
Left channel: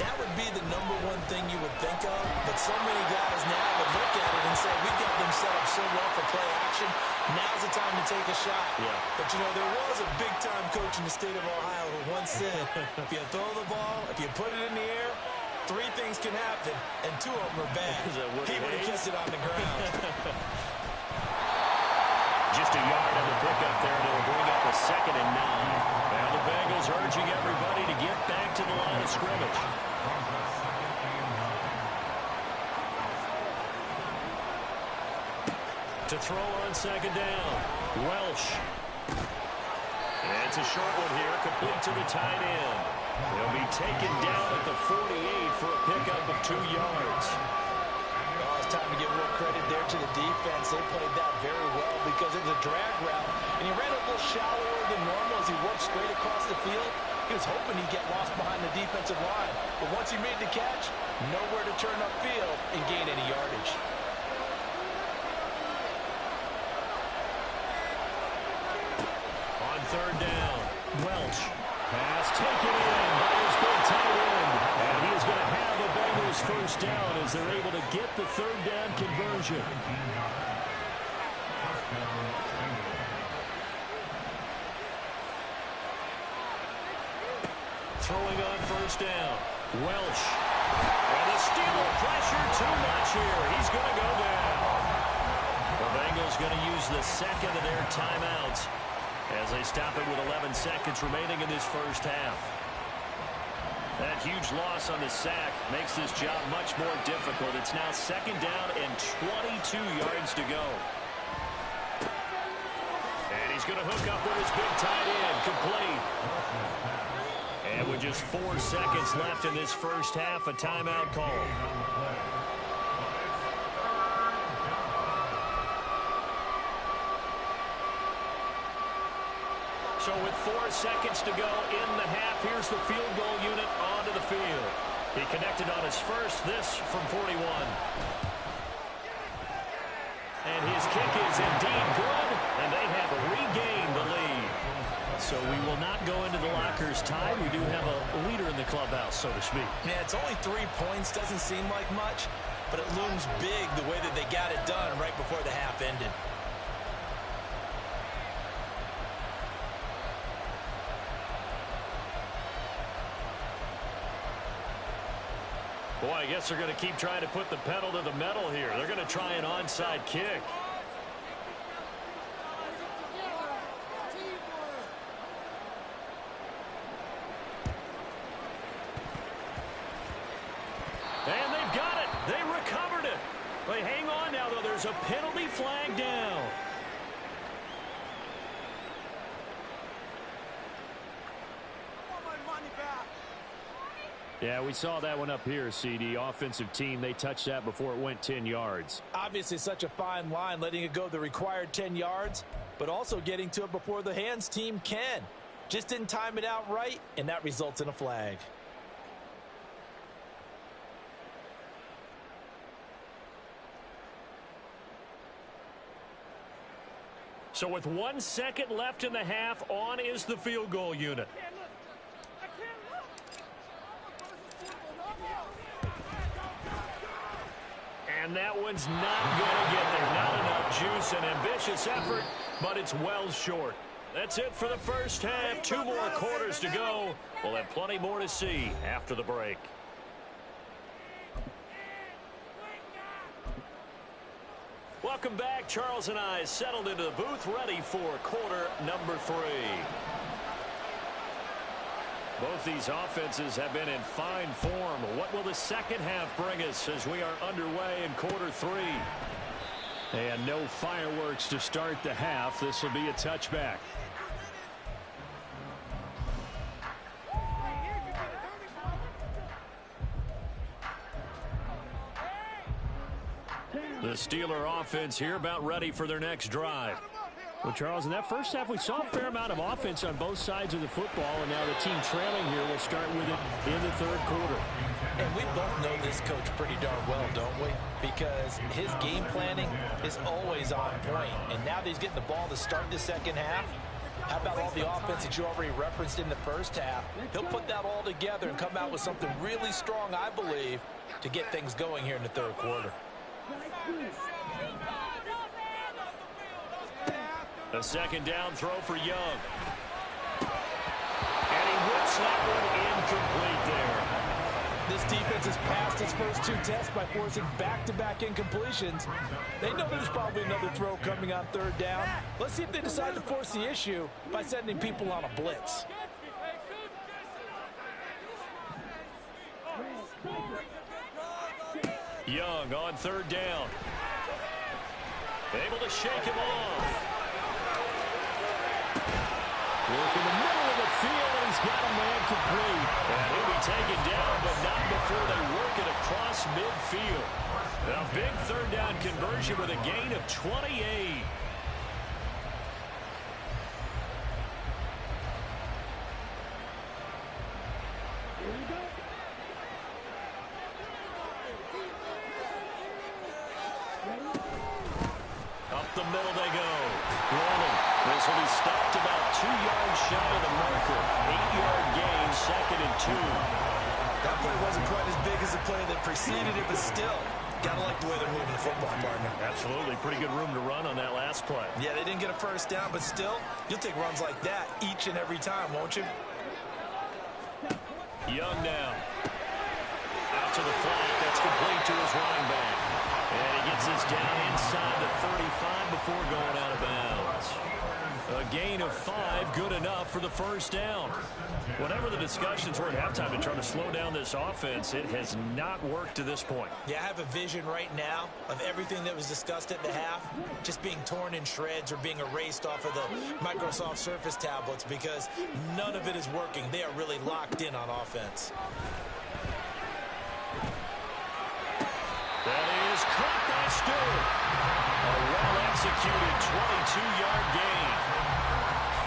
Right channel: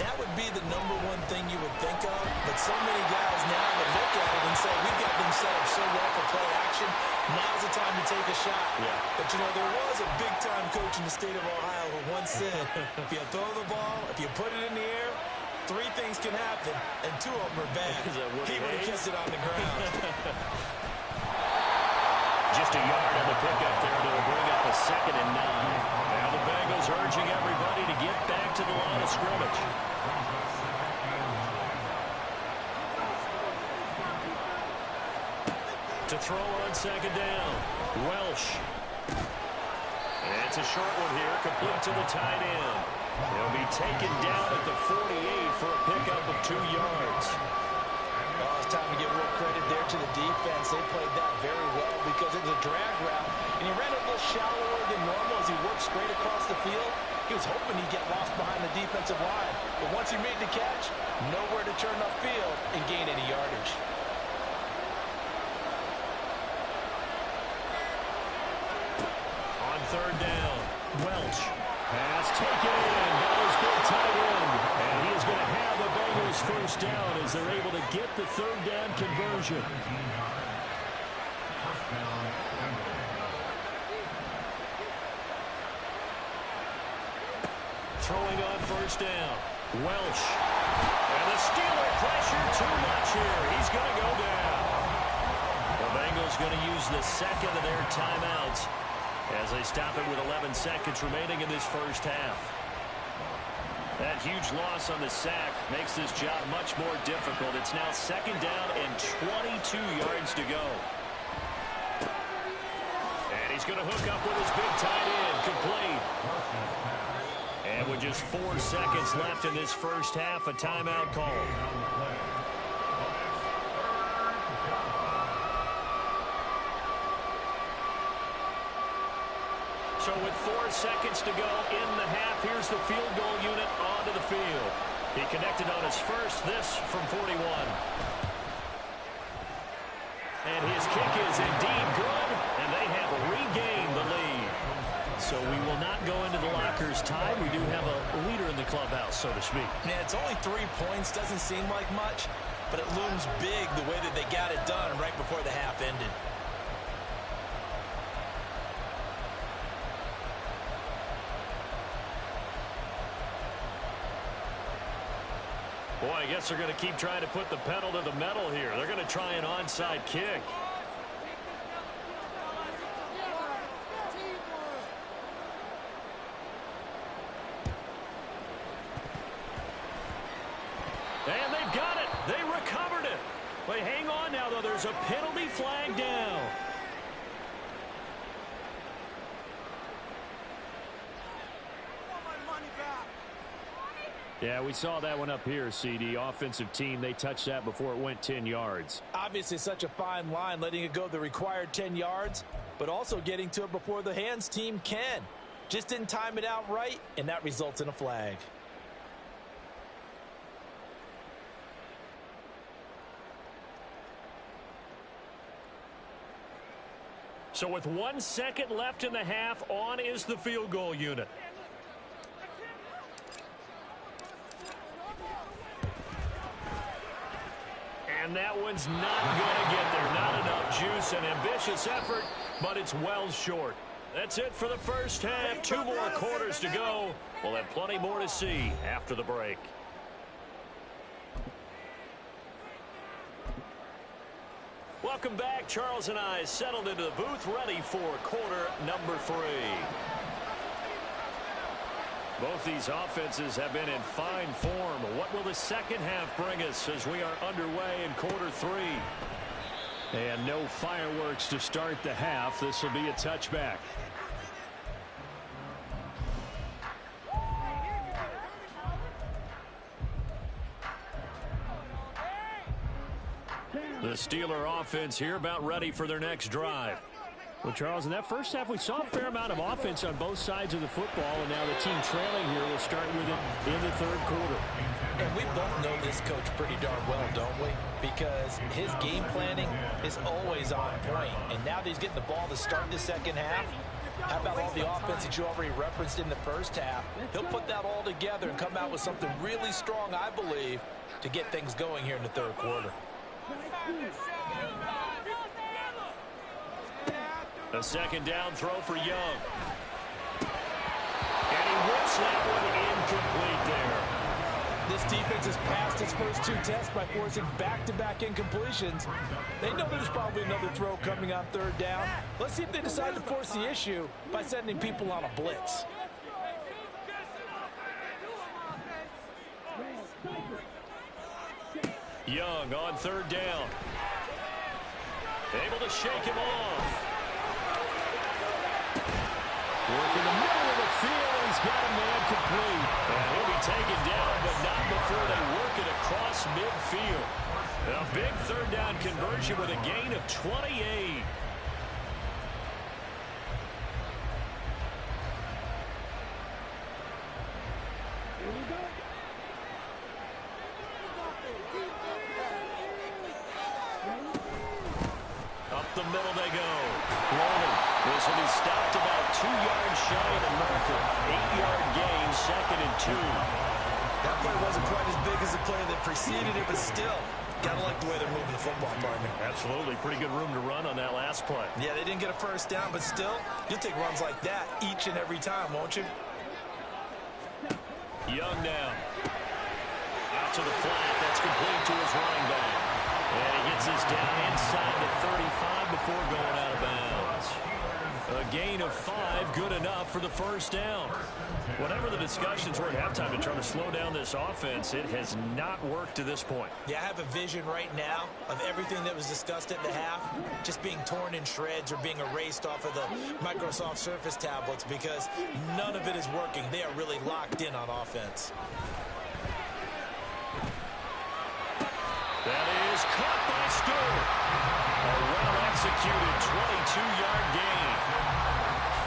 That would be the number one thing you would think of, but so many guys now would look at it and say, we've got them set up so well for play action, now's the time to take a shot. Yeah. But, you know, there was a big-time coach in the state of Ohio who once said, if you throw the ball, if you put it in the air, 3 things can happen, and 2 of them are bad. He would have kept it on the ground. Just a yard on the pickup there, and it'll bring up a 2nd and 9. Now the Bengals urging everybody to get back to the line of scrimmage. To throw on 2nd down, Welsh. And it's a short one here, complete to the tight end. He'll be taken down at the 48 for a pickup of 2 yards. Oh, it's time to give real credit there to the defense. They played that very well because it was a drag route, and he ran a little shallower than normal as he worked straight across the field. He was hoping he'd get lost behind the defensive line, but once he made the catch, nowhere to turn upfield and gain any yardage. third down. Welch. Pass taken in by his big tight end. And he is going to have a Bengals first down as they're able to get the third down conversion. Throwing on first down. Welch. And the Steeler pressure too much here. He's going to go down. The Bengals going to use the second of their timeouts as they stop it with 11 seconds remaining in this first half. That huge loss on the sack makes this job much more difficult. It's now second down and 22 yards to go. And he's going to hook up with his big tight end. Complete. And with just 4 seconds left in this first half, a timeout call. So with 4 seconds to go in the half, here's the field goal unit onto the field. He connected on his first, this from 41. And his kick is indeed good, and they have regained the lead. So we will not go into the lockers tied. We do have a leader in the clubhouse, so to speak. Yeah, it's only 3 points. Doesn't seem like much, but it looms big the way that they got it done right before the half ended. Boy, I guess they're going to keep trying to put the pedal to the metal here. They're going to try an onside kick. And they've got it. They recovered it. But hang on now, though. There's a penalty flag down. I want my money back. Yeah, we saw that one up here, CD. Offensive team, they touched that before it went 10 yards. Obviously such a fine line, letting it go the required 10 yards, but also getting to it before the hands team can. Just didn't time it out right, and that results in a flag. So with 1 second left in the half, on is the field goal unit. And that one's not going to get there. Not enough juice. An ambitious effort, but it's well short. That's it for the first half. 2 more quarters to go. We'll have plenty more to see after the break. Welcome back. Charles and I settled into the booth, ready for quarter number 3. Both these offenses have been in fine form. What will the second half bring us as we are underway in quarter 3? And no fireworks to start the half. This will be a touchback. The Steeler offense here about ready for their next drive. Well, Charles, in that first half, we saw a fair amount of offense on both sides of the football, and now the team trailing here will start with it in the third quarter. And we both know this coach pretty darn well, don't we? Because his game planning is always on point. And now that he's getting the ball to start the second half, how about all the offense that you already referenced in the first half? He'll put that all together and come out with something really strong, I believe, to get things going here in the third quarter. A second down throw for Young. And he whips that one incomplete there. This defense has passed its first 2 tests by forcing back-to-back incompletions. They know there's probably another throw coming on third down. Let's see if they decide to force the issue by sending people on a blitz. Young on third down. Able to shake him off. Work in the middle of the field, and he's got a man complete. And he'll be taken down, but not before they work it across midfield. A big third down conversion with a gain of 28. Up the middle they go. Rolling. This will be stopped about 2 yards shy of the marker. 8-yard gain, 2nd and 2. That play wasn't quite as big as the play that preceded it, but still, gotta like the way they're moving the football, partner. Absolutely. Pretty good room to run on that last play. Yeah, they didn't get a first down, but still, you'll take runs like that each and every time, won't you? Young now. Out to the flat. That's complete to his running back. And he gets this down inside the 35 before going out of bounds. A gain of 5, good enough for the first down. Whatever the discussions were at halftime to try to slow down this offense, it has not worked to this point. Yeah, I have a vision right now of everything that was discussed at the half just being torn in shreds or being erased off of the Microsoft Surface tablets because none of it is working. They are really locked in on offense. That is caught by Stewart. A well-executed 22-yard gain.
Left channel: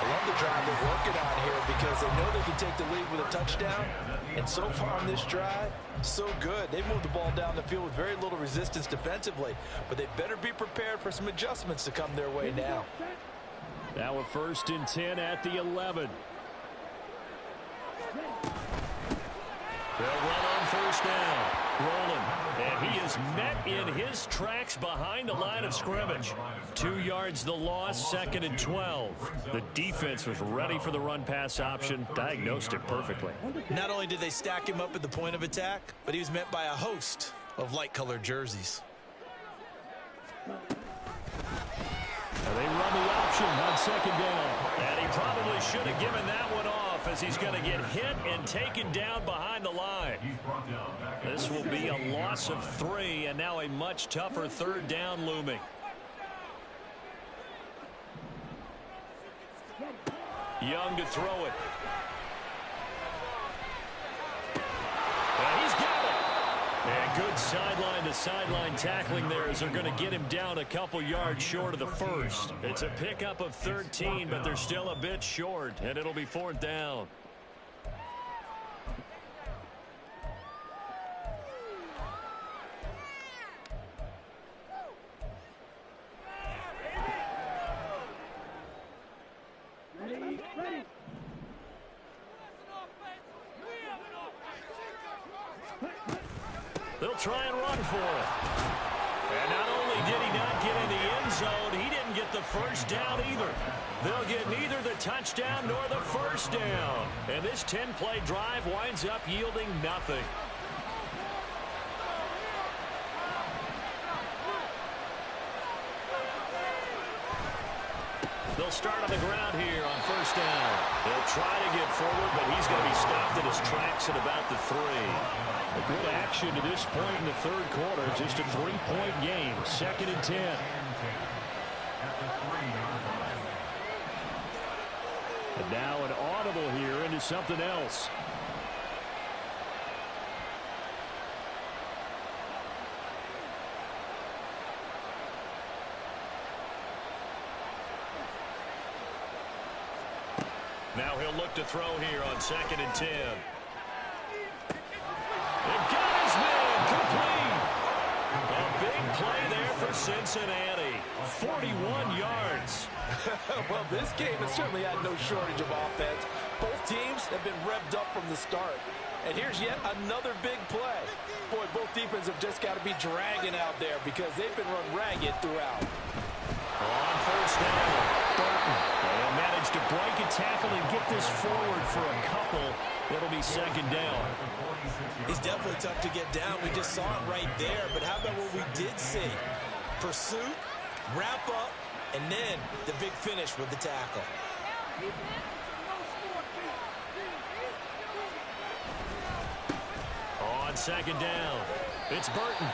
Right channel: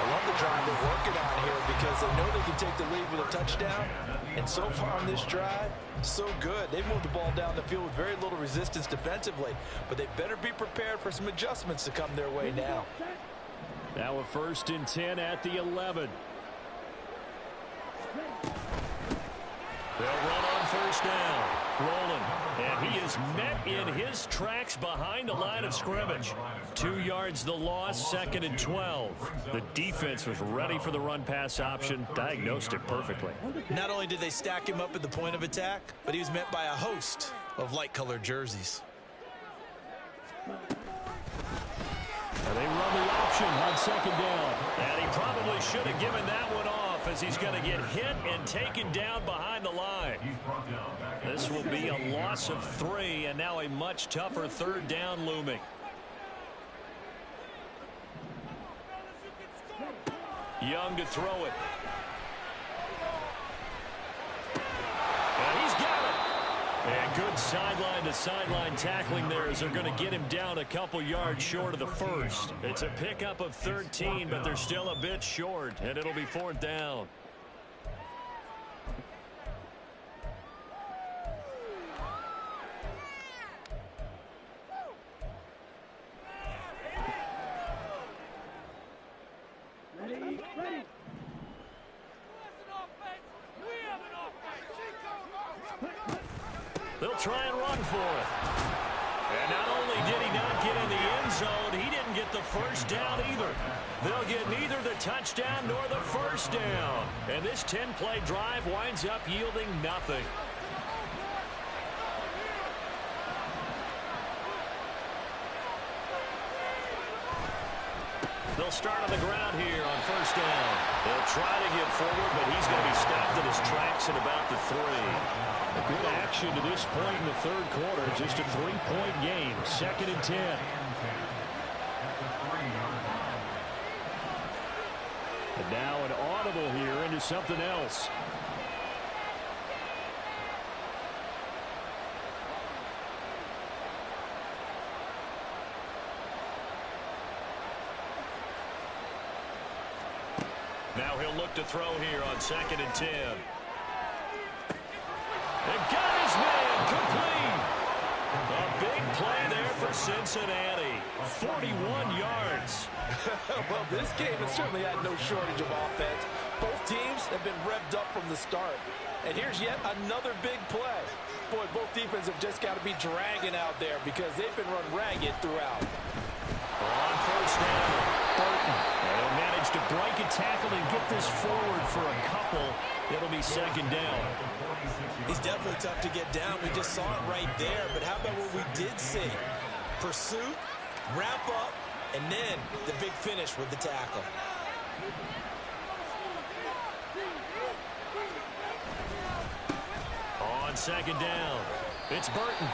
I love the drive they're working on here because they know they can take the lead with a touchdown. And so far on this drive, so good. They've moved the ball down the field with very little resistance defensively. But they better be prepared for some adjustments to come their way now. Now a 1st and 10 at the 11. They'll run on first down. Rolling. And he is met in his tracks behind the line of scrimmage. 2 yards the loss, 2nd and 12. The defense was ready for the run-pass option, diagnosed it perfectly. Not only did they stack him up at the point of attack, but he was met by a host of light-colored jerseys. And they run the option on 2nd down. And he probably should have given that one off as he's going to get hit and taken down behind the line. This will be a loss of 3 and now a much tougher 3rd down looming. Young to throw it. And he's got it. And good sideline-to-sideline tackling there as they're going to get him down a couple yards short of the first. It's a pickup of 13, but they're still a bit short, and it'll be 4th down. They'll try and run for it. And not only did he not get in the end zone, he didn't get the first down either. They'll get neither the touchdown nor the first down. And this 10-play drive winds up yielding nothing. They'll start on the ground here on first down. They'll try to get forward, but he's going to be stopped in his tracks at about the 3. A good action to this point in the 3rd quarter. Just a 3-point game. 2nd and 10. And now an audible here into something else. Now he'll look to throw here on 2nd and 10. And got his man complete. A big play there for Cincinnati. 41 yards. Well, this game has certainly had no shortage of offense. Both teams have been revved up from the start. And here's yet another big play. Boy, both defenses have just got to be dragging out there because they've been run ragged throughout. On first down, Burton. They'll manage to break a tackle and get this forward for a couple. It'll be 2nd down. He's definitely tough to get down. We just saw it right there. But how about what we did see? Pursuit, wrap up, and then the big finish with the tackle. On 2nd down, it's Burton.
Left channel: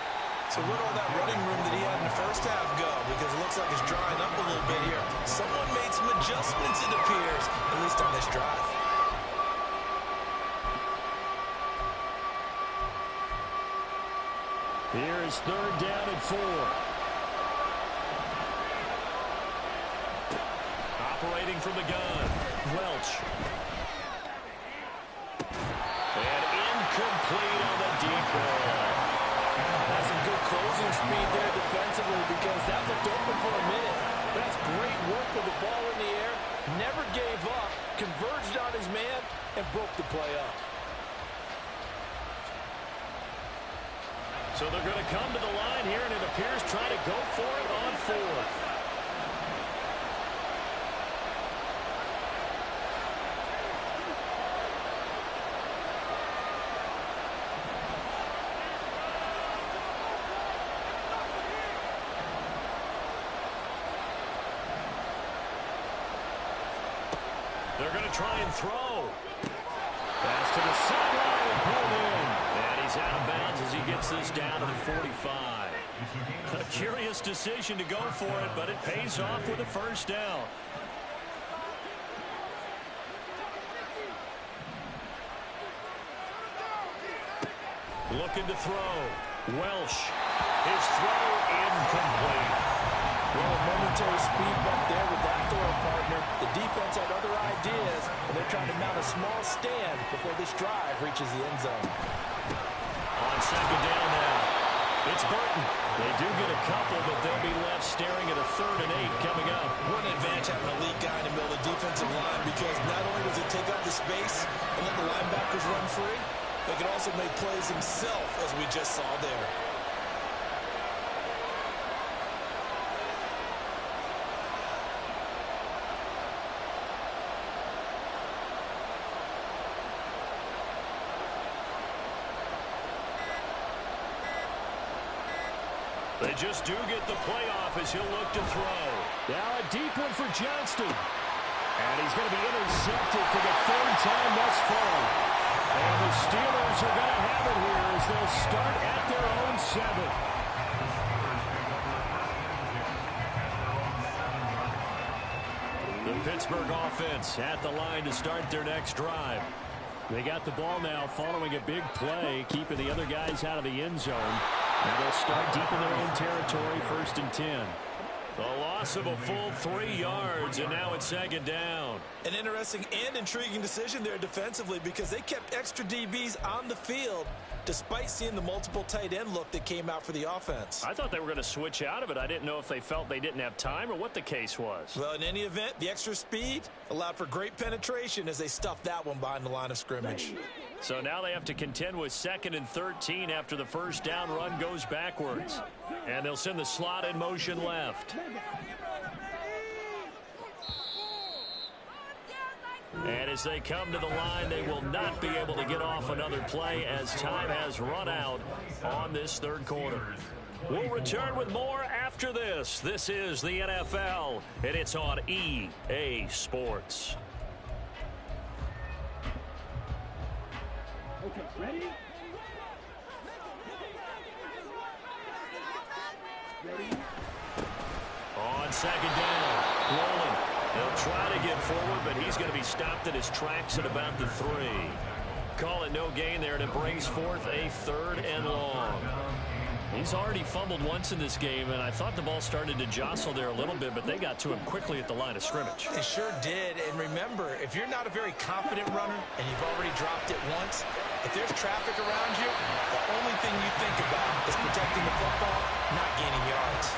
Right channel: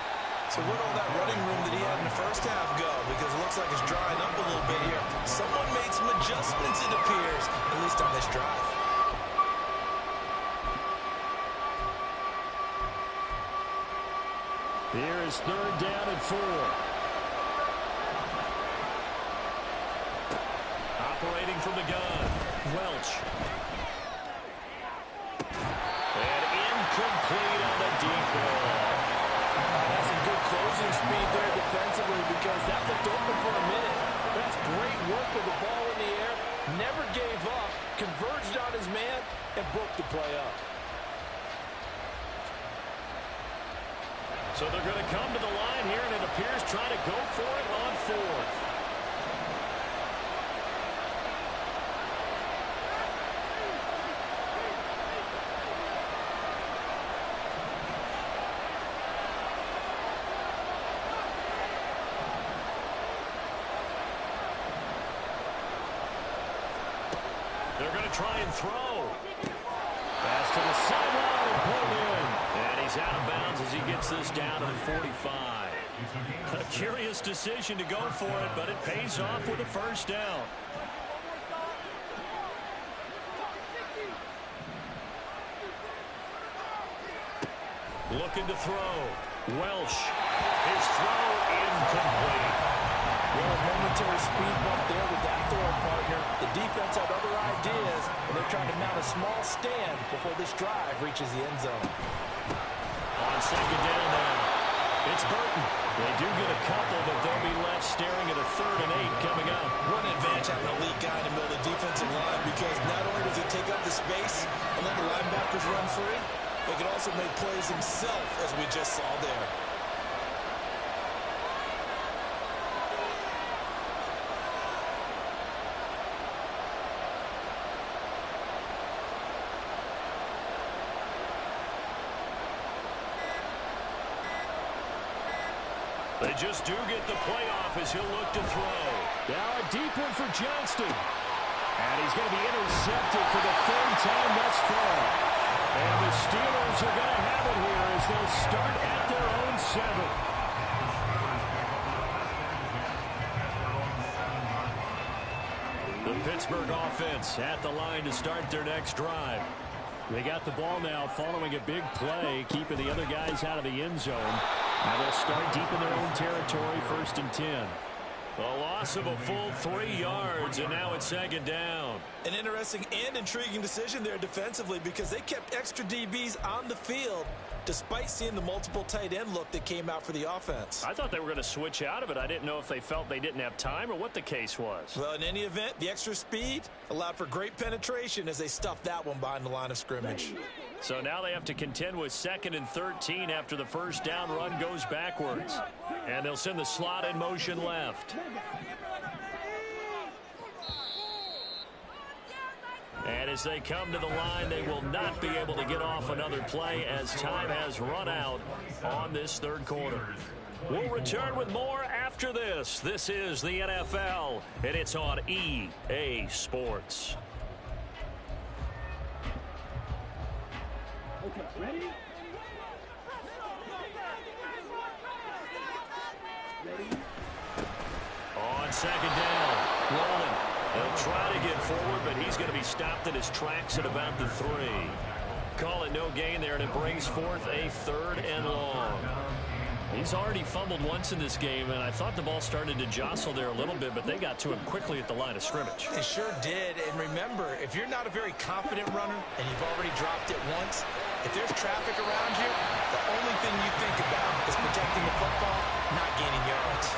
So where'd all that running room that he had in the first half go? Because it looks like it's drying up a little bit here. Someone made some adjustments, it appears, at least on this drive. Here is 3rd down and 4. Operating from the gun, Welch. And incomplete on the deep ball. That's some good closing speed there defensively because that looked open for a minute. That's great work with the ball in the air. Never gave up, converged on his man, and broke the play up. So they're going to come to the line here, and it appears trying to go for it on fourth. They're going to try and throw. Pass to the sideline and pulled in. And he's out of bounds as he gets this down to the 45. A curious decision to go for it, but it pays off with a first down. Looking to throw. Welsh. His throw incomplete. Well, a momentary speed bump there with that throw partner. The defense had other ideas, and they're trying to mount a small stand before this drive reaches the end zone. On second down now, it's Burton. They do get a couple, but they'll be left staring at a 3rd and 8 coming up. What an advantage having an elite guy in the middle of the defensive line, because not only does he take up the space and let the linebackers run free, but he can also make plays himself, as we just saw there. They just do get the playoff as he'll look to throw. Now a deep one for Johnston. And he's going to be intercepted for the 3rd time thus far. And the Steelers are going to have it here as they'll start at their own 7. The Pittsburgh offense at the line to start their next drive. They got the ball now following a big play, keeping the other guys out of the end zone. Now they'll start deep in their own territory, 1st and 10. A loss of a full 3 yards, and now it's 2nd down. An interesting and intriguing decision there defensively, because they kept extra DBs on the field despite seeing the multiple tight end look that came out for the offense. I thought they were going to switch out of it. I didn't know if they felt they didn't have time or what the case was. Well, in any event, the extra speed allowed for great penetration as they stuffed that one behind the line of scrimmage. So now they have to contend with 2nd and 13 after the first down run goes backwards. And they'll send the slot in motion left. And as they come to the line, they will not be able to get off another play as time has run out on this 3rd quarter. We'll return with more after this. This is the NFL, and it's on EA Sports. Okay, ready? Ready? On 2nd down, rolling. They'll try to get forward, but he's going to be stopped in his tracks at about the 3. Call it no gain there, and it brings forth a 3rd and long. He's already fumbled once in this game, and I thought the ball started to jostle there a little bit, but they got to him quickly at the line of scrimmage. They sure did, and remember, if you're not a very confident runner and you've already dropped it once, if there's traffic around you, the only thing you think about is protecting the football, not gaining yards.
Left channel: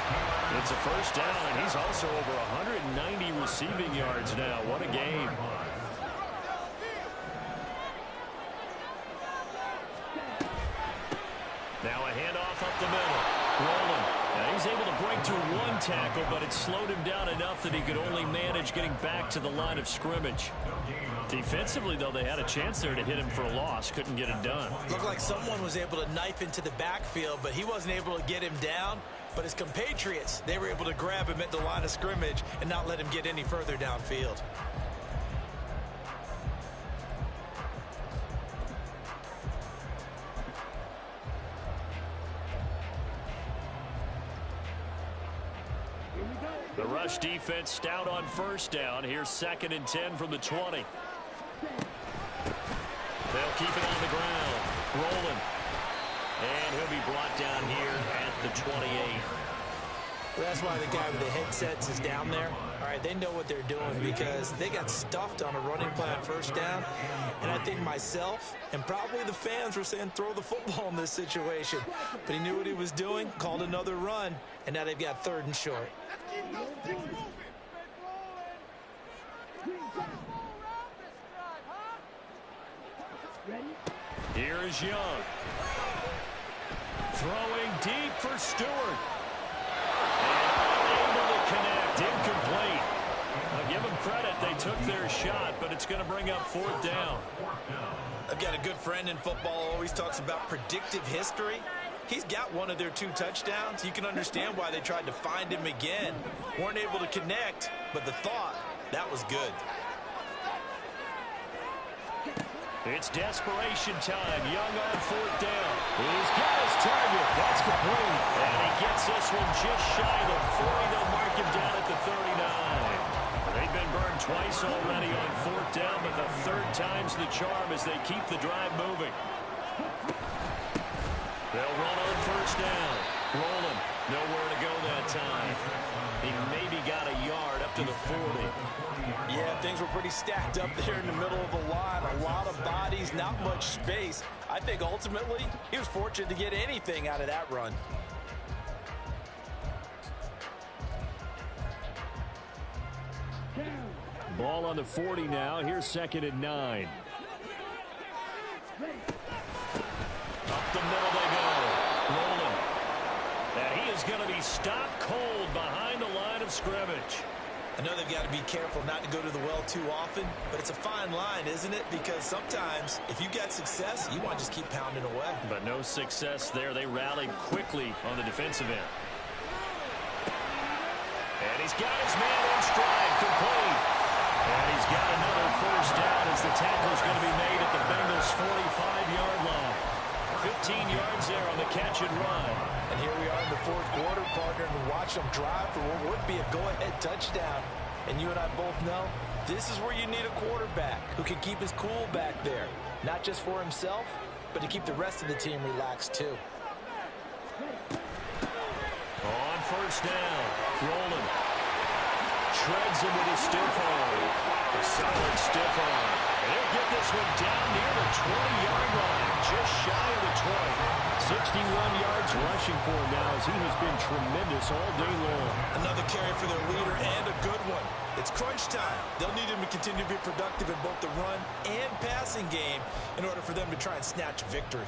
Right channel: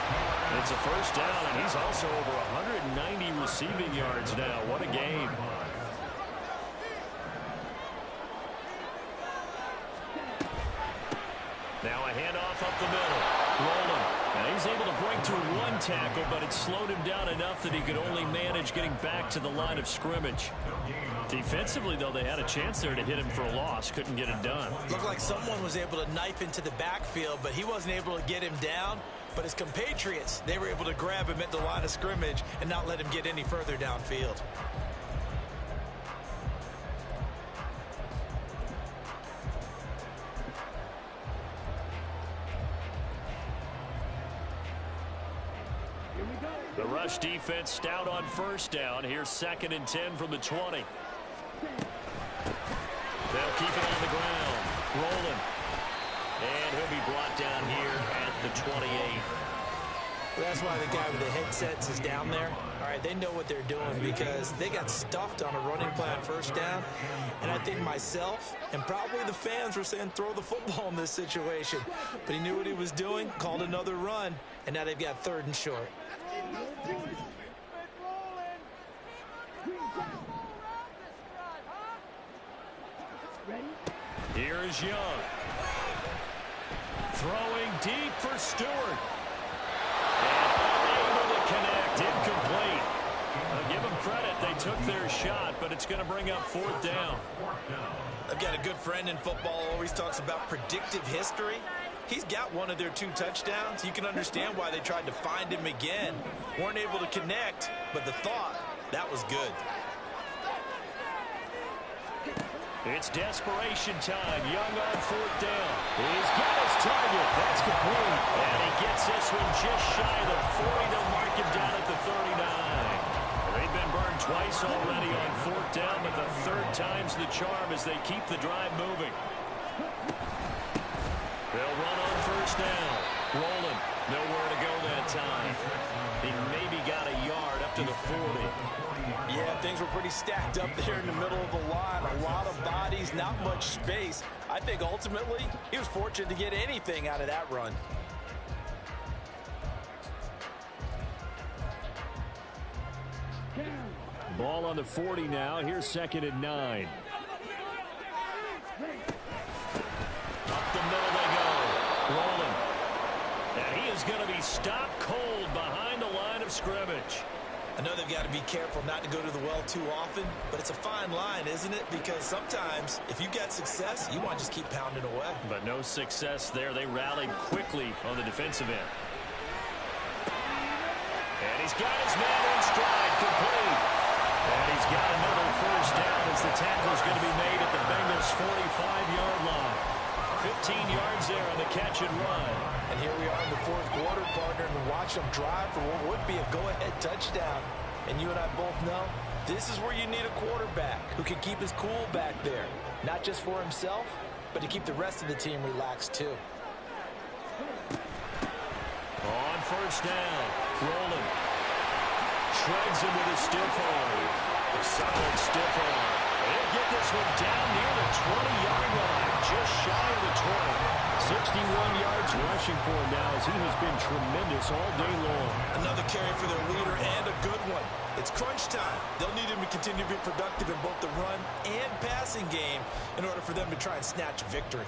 It's a first down, and he's also over 190 receiving yards now. What a game. Now a handoff up the middle. Rolling. Now he's able to break through 1 tackle, but it slowed him down enough that he could only manage getting back to the line of scrimmage. Defensively, though, they had a chance there to hit him for a loss. Couldn't get it done. Looked like someone was able to knife into the backfield, but he wasn't able to get him down. But his compatriots, they were able to grab him at the line of scrimmage and not let him get any further downfield. The rush defense stout on first down. Here's 2nd and 10 from the 20. They'll keep it on the ground. Rolling. And he'll be brought down here at the 28. Well, that's why the guy with the headsets is down there. All right, they know what they're doing because they got stuffed on a running play on first down. And I think myself and probably the fans were saying throw the football in this situation. But he knew what he was doing, called another run, and now they've got 3rd and short. Here's Young. Throwing deep for Stewart. And unable to connect. Incomplete. I'll give them credit. They took their shot, but it's going to bring up 4th down. I've got a good friend in football who always talks about predictive history. He's got one of their 2 touchdowns. You can understand why they tried to find him again. Weren't able to connect, but the thought, that was good. It's desperation time. Young on 4th down. He's got his target. That's complete. And he gets this one just shy of the 40. They'll mark him down at the 39. They've been burned twice already on 4th down, but the 3rd time's the charm as they keep the drive moving. They'll run on 1st down. Rolling. Nowhere to go that time. He maybe got a yard up to the 40. Yeah, things were pretty stacked up there in the middle of the line. A lot of bodies, not much space. I think ultimately he was fortunate to get anything out of that run. Ball on the 40 now. Here's 2nd and 9. Up the middle they go. Rolling. And he is going to be stopped cold behind the line of scrimmage. I know they've got to be careful not to go to the well too often, but it's a fine line, isn't it? Because sometimes if you get success, you want to just keep pounding away. But no success there. They rallied quickly on the defensive end. And he's got his man in stride, complete. And he's got another 1st down as the tackle is going to be made at the Bengals' 45-yard line. 15 yards there on the catch and run. And here we are in the 4th quarter, partner, and watch them drive for what would be a go-ahead touchdown. And you and I both know this is where you need a quarterback who can keep his cool back there. Not just for himself, but to keep the rest of the team relaxed too. On 1st down, rolling. Shreds him with his stiff arm. A solid stiff arm. And he'll get this one down near the 20-yard line, just shy of the 20. 61 yards rushing for him now as he has been tremendous all day long. Another carry for their leader and a good one. It's crunch time. They'll need him to continue to be productive in both the run and passing game in order for them to try and snatch a victory.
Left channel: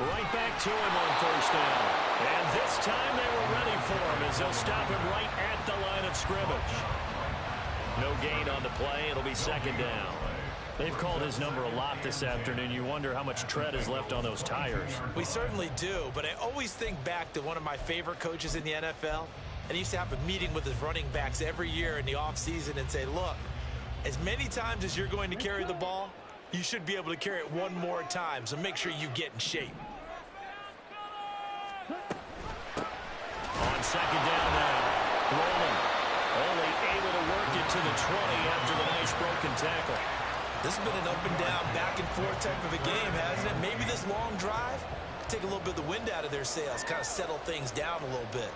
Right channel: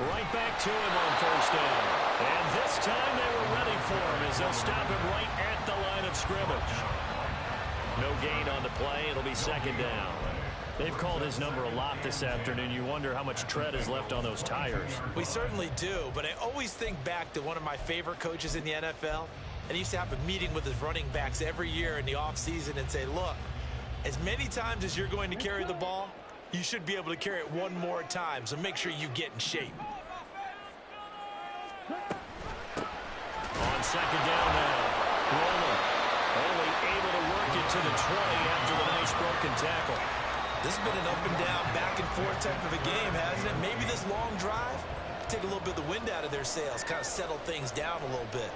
Right back to him on 1st down. And this time they were ready for him as they'll stop him right at the line of scrimmage. No gain on the play. It'll be 2nd down. They've called his number a lot this afternoon. You wonder how much tread is left on those tires. We certainly do, but I always think back to one of my favorite coaches in the NFL. And he used to have a meeting with his running backs every year in the offseason and say, look, as many times as you're going to carry the ball, you should be able to carry it one more time, so make sure you get in shape. On 2nd down now, rolling. Only able to work it to the 20 after the nice broken tackle. This has been an up and down, back and forth type of a game, hasn't it? Maybe this long drive take a little bit of the wind out of their sails, kind of settle things down a little bit.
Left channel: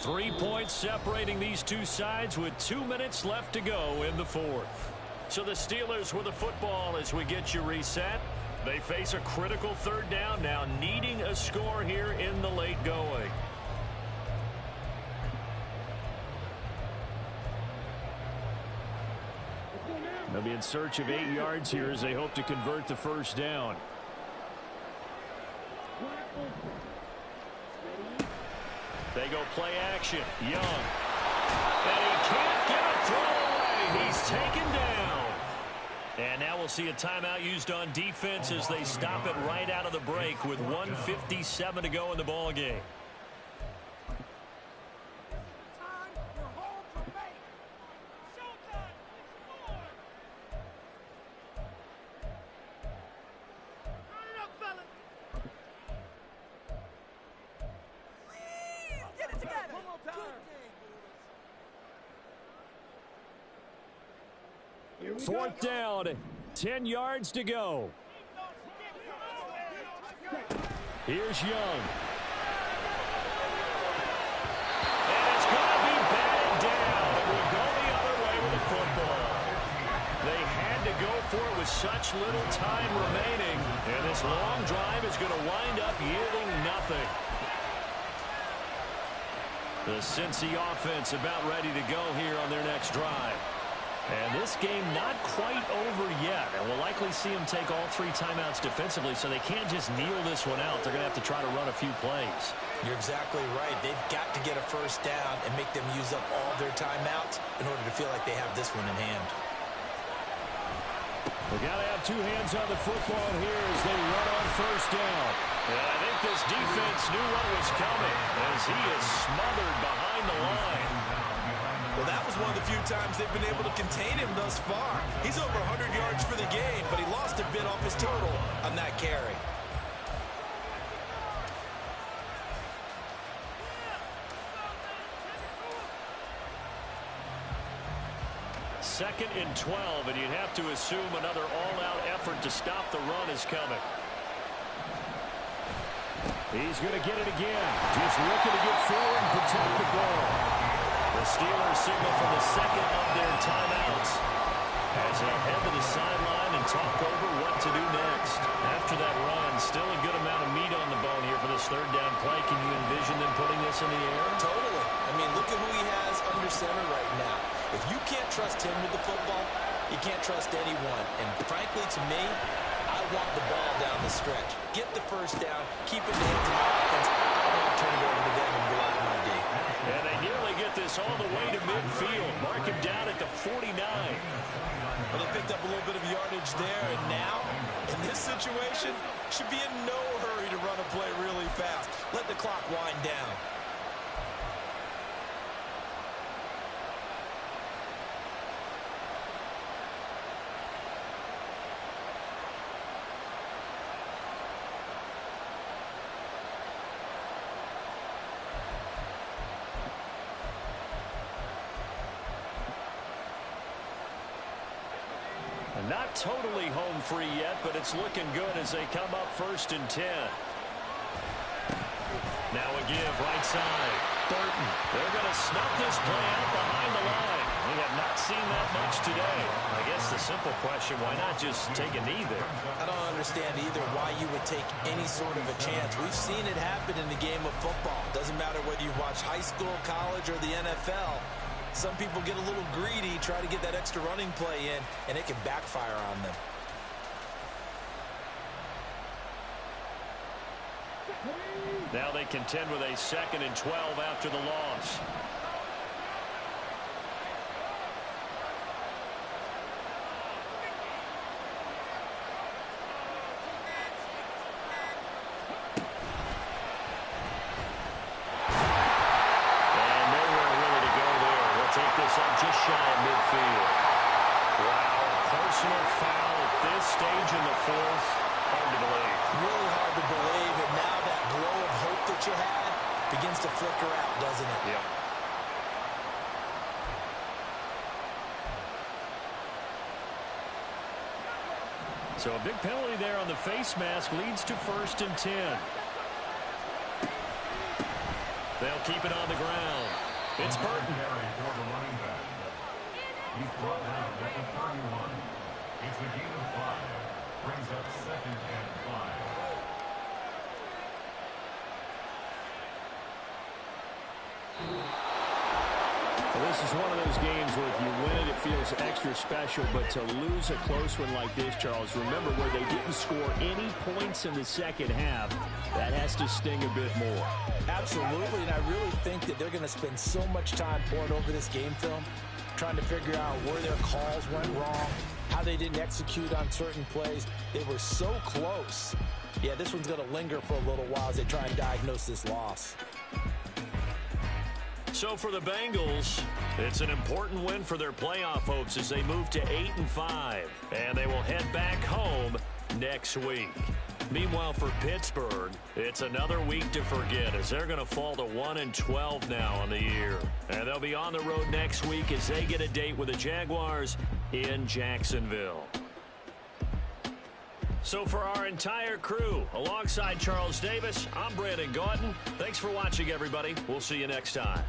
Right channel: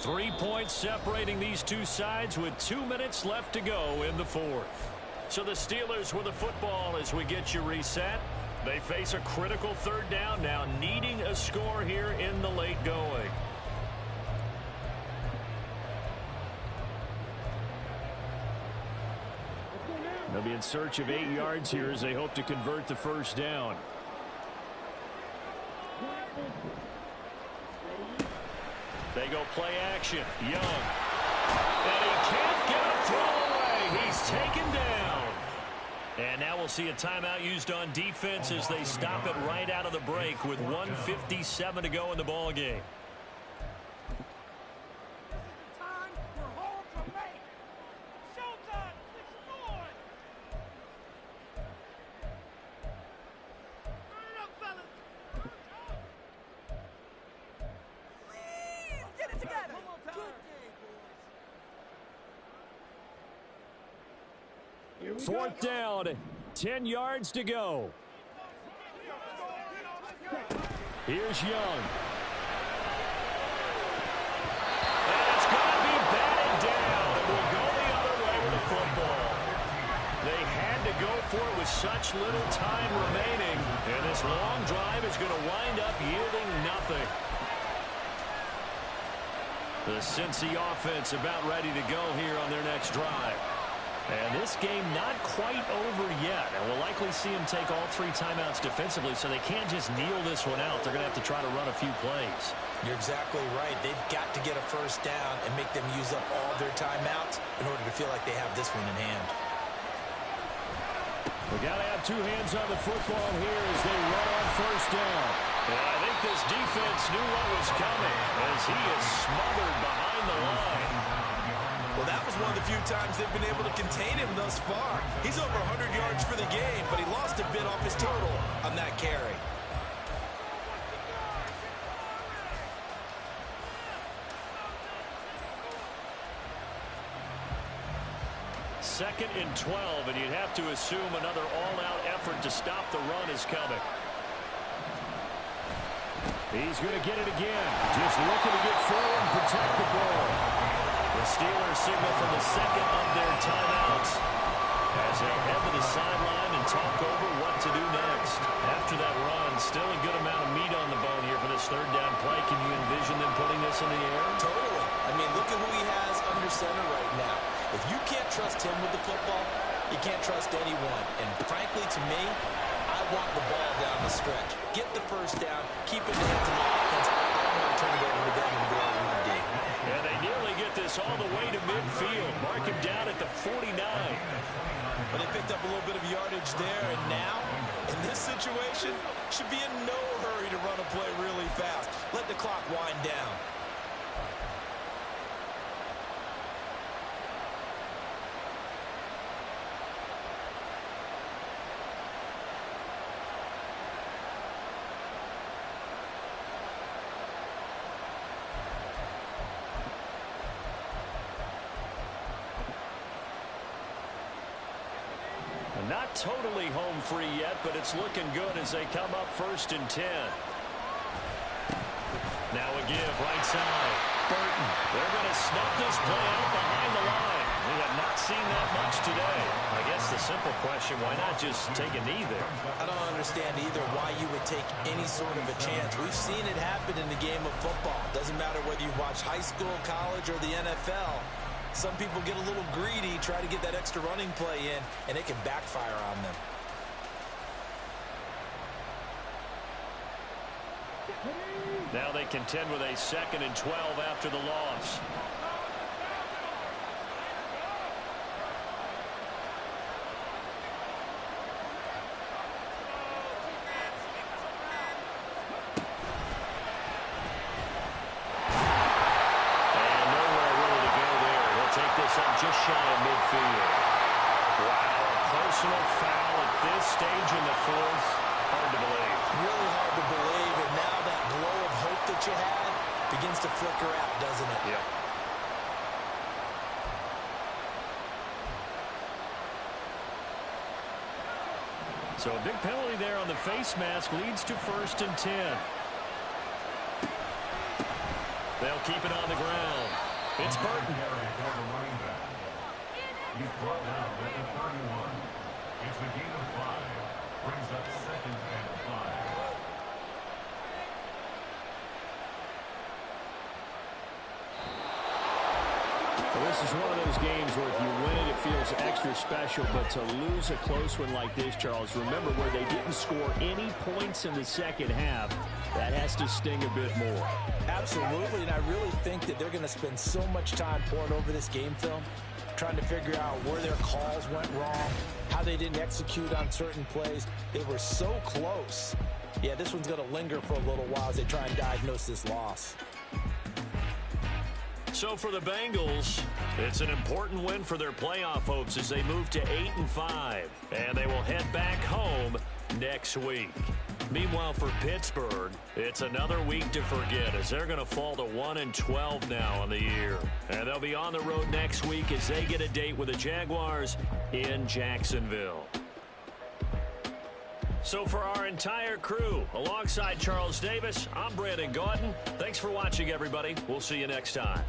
Three points separating these two sides with 2 minutes left to go in the 4th. So the Steelers with the football as we get you reset. They face a critical 3rd down now, needing a score here in the late going. They'll be in search of 8 yards here as they hope to convert the 1st down. They go play action. Young. And he can't get a throw away. He's taken down. And now we'll see a timeout used on defense as they stop it right out of the break with 1:57 to go in the ball game. 4th down, 10 yards to go. Here's Young. And it's going to be batted down. It will go the other way with the football. They had to go for it with such little time remaining. And this long drive is going to wind up yielding nothing. The Cincy offense about ready to go here on their next drive. And this game not quite over yet. And we'll likely see them take all 3 timeouts defensively, so they can't just kneel this one out. They're going to have to try to run a few plays. You're exactly right. They've got to get a first down and make them use up all their timeouts in order to feel like they have this one in hand. We got to have 2 hands on the football here as they run on first down. And I think this defense knew what was coming as he is smothered behind the line. Well, that was one of the few times they've been able to contain him thus far. He's over 100 yards for the game, but he lost a bit off his total on that carry. Second and 12, and you'd have to assume another all-out effort to stop the run is coming. He's going to get it again. Just looking to get forward and protect the ball. The Steelers signal from the second of their timeouts as they head to the sideline and talk over what to do next. After that run, still a good amount of meat on the bone here for this 3rd down play. Can you envision them putting this in the air? Totally. I mean, look at who he has under center right now. If you can't trust him with the football, you can't trust anyone. And frankly, to me, I want the ball down the stretch. Get the first down, keep it in the hands of my offense. I don't want to turn it over to them and rely on my D. And they nearly get this all the way to midfield. Mark him down at the 49. Well, they picked up a little bit of yardage there, and now, in this situation, should be in no hurry to run a play really fast. Let the clock wind down. Not totally home free yet, but it's looking good as they come up 1st and 10. Now a give right side. Burton. They're going to snuff this play out behind the line. We have not seen that much today. I guess the simple question, why not just take a knee there? I don't understand either why you would take any sort of a chance. We've seen it happen in the game of football. Doesn't matter whether you watch high school, college, or the NFL. Some people get a little greedy, try to get that extra running play in, and it can backfire on them. Now they contend with a 2nd and 12 after the loss. Up just shy of midfield. Wow, a personal foul at this stage in the 4th. Hard to believe. Really hard to believe, and now that glow of hope that you had begins to flicker out, doesn't it? Yep. So a big penalty there on the face mask leads to 1st and 10. They'll keep it on the ground. It's Burton. He's brought down at the 31. It's a gain of 5. Brings up 2nd and 5. Well, this is one of those games where if you win it, it feels extra special. But to lose a close one like this, Charles, remember where they didn't score any points in the second half. That has to sting a bit more. Absolutely, and I really think that they're going to spend so much time pouring over this game film, trying to figure out where their calls went wrong, how they didn't execute on certain plays. They were so close. Yeah, this one's going to linger for a little while as they try and diagnose this loss. So for the Bengals, it's an important win for their playoff hopes as they move to 8-5. And they will head back home next week. Meanwhile, for Pittsburgh, it's another week to forget as they're going to fall to 1-12 now on the year. And they'll be on the road next week as they get a date with the Jaguars in Jacksonville. So for our entire crew, alongside Charles Davis, I'm Brandon Gaudin. Thanks for watching, everybody. We'll see you next time.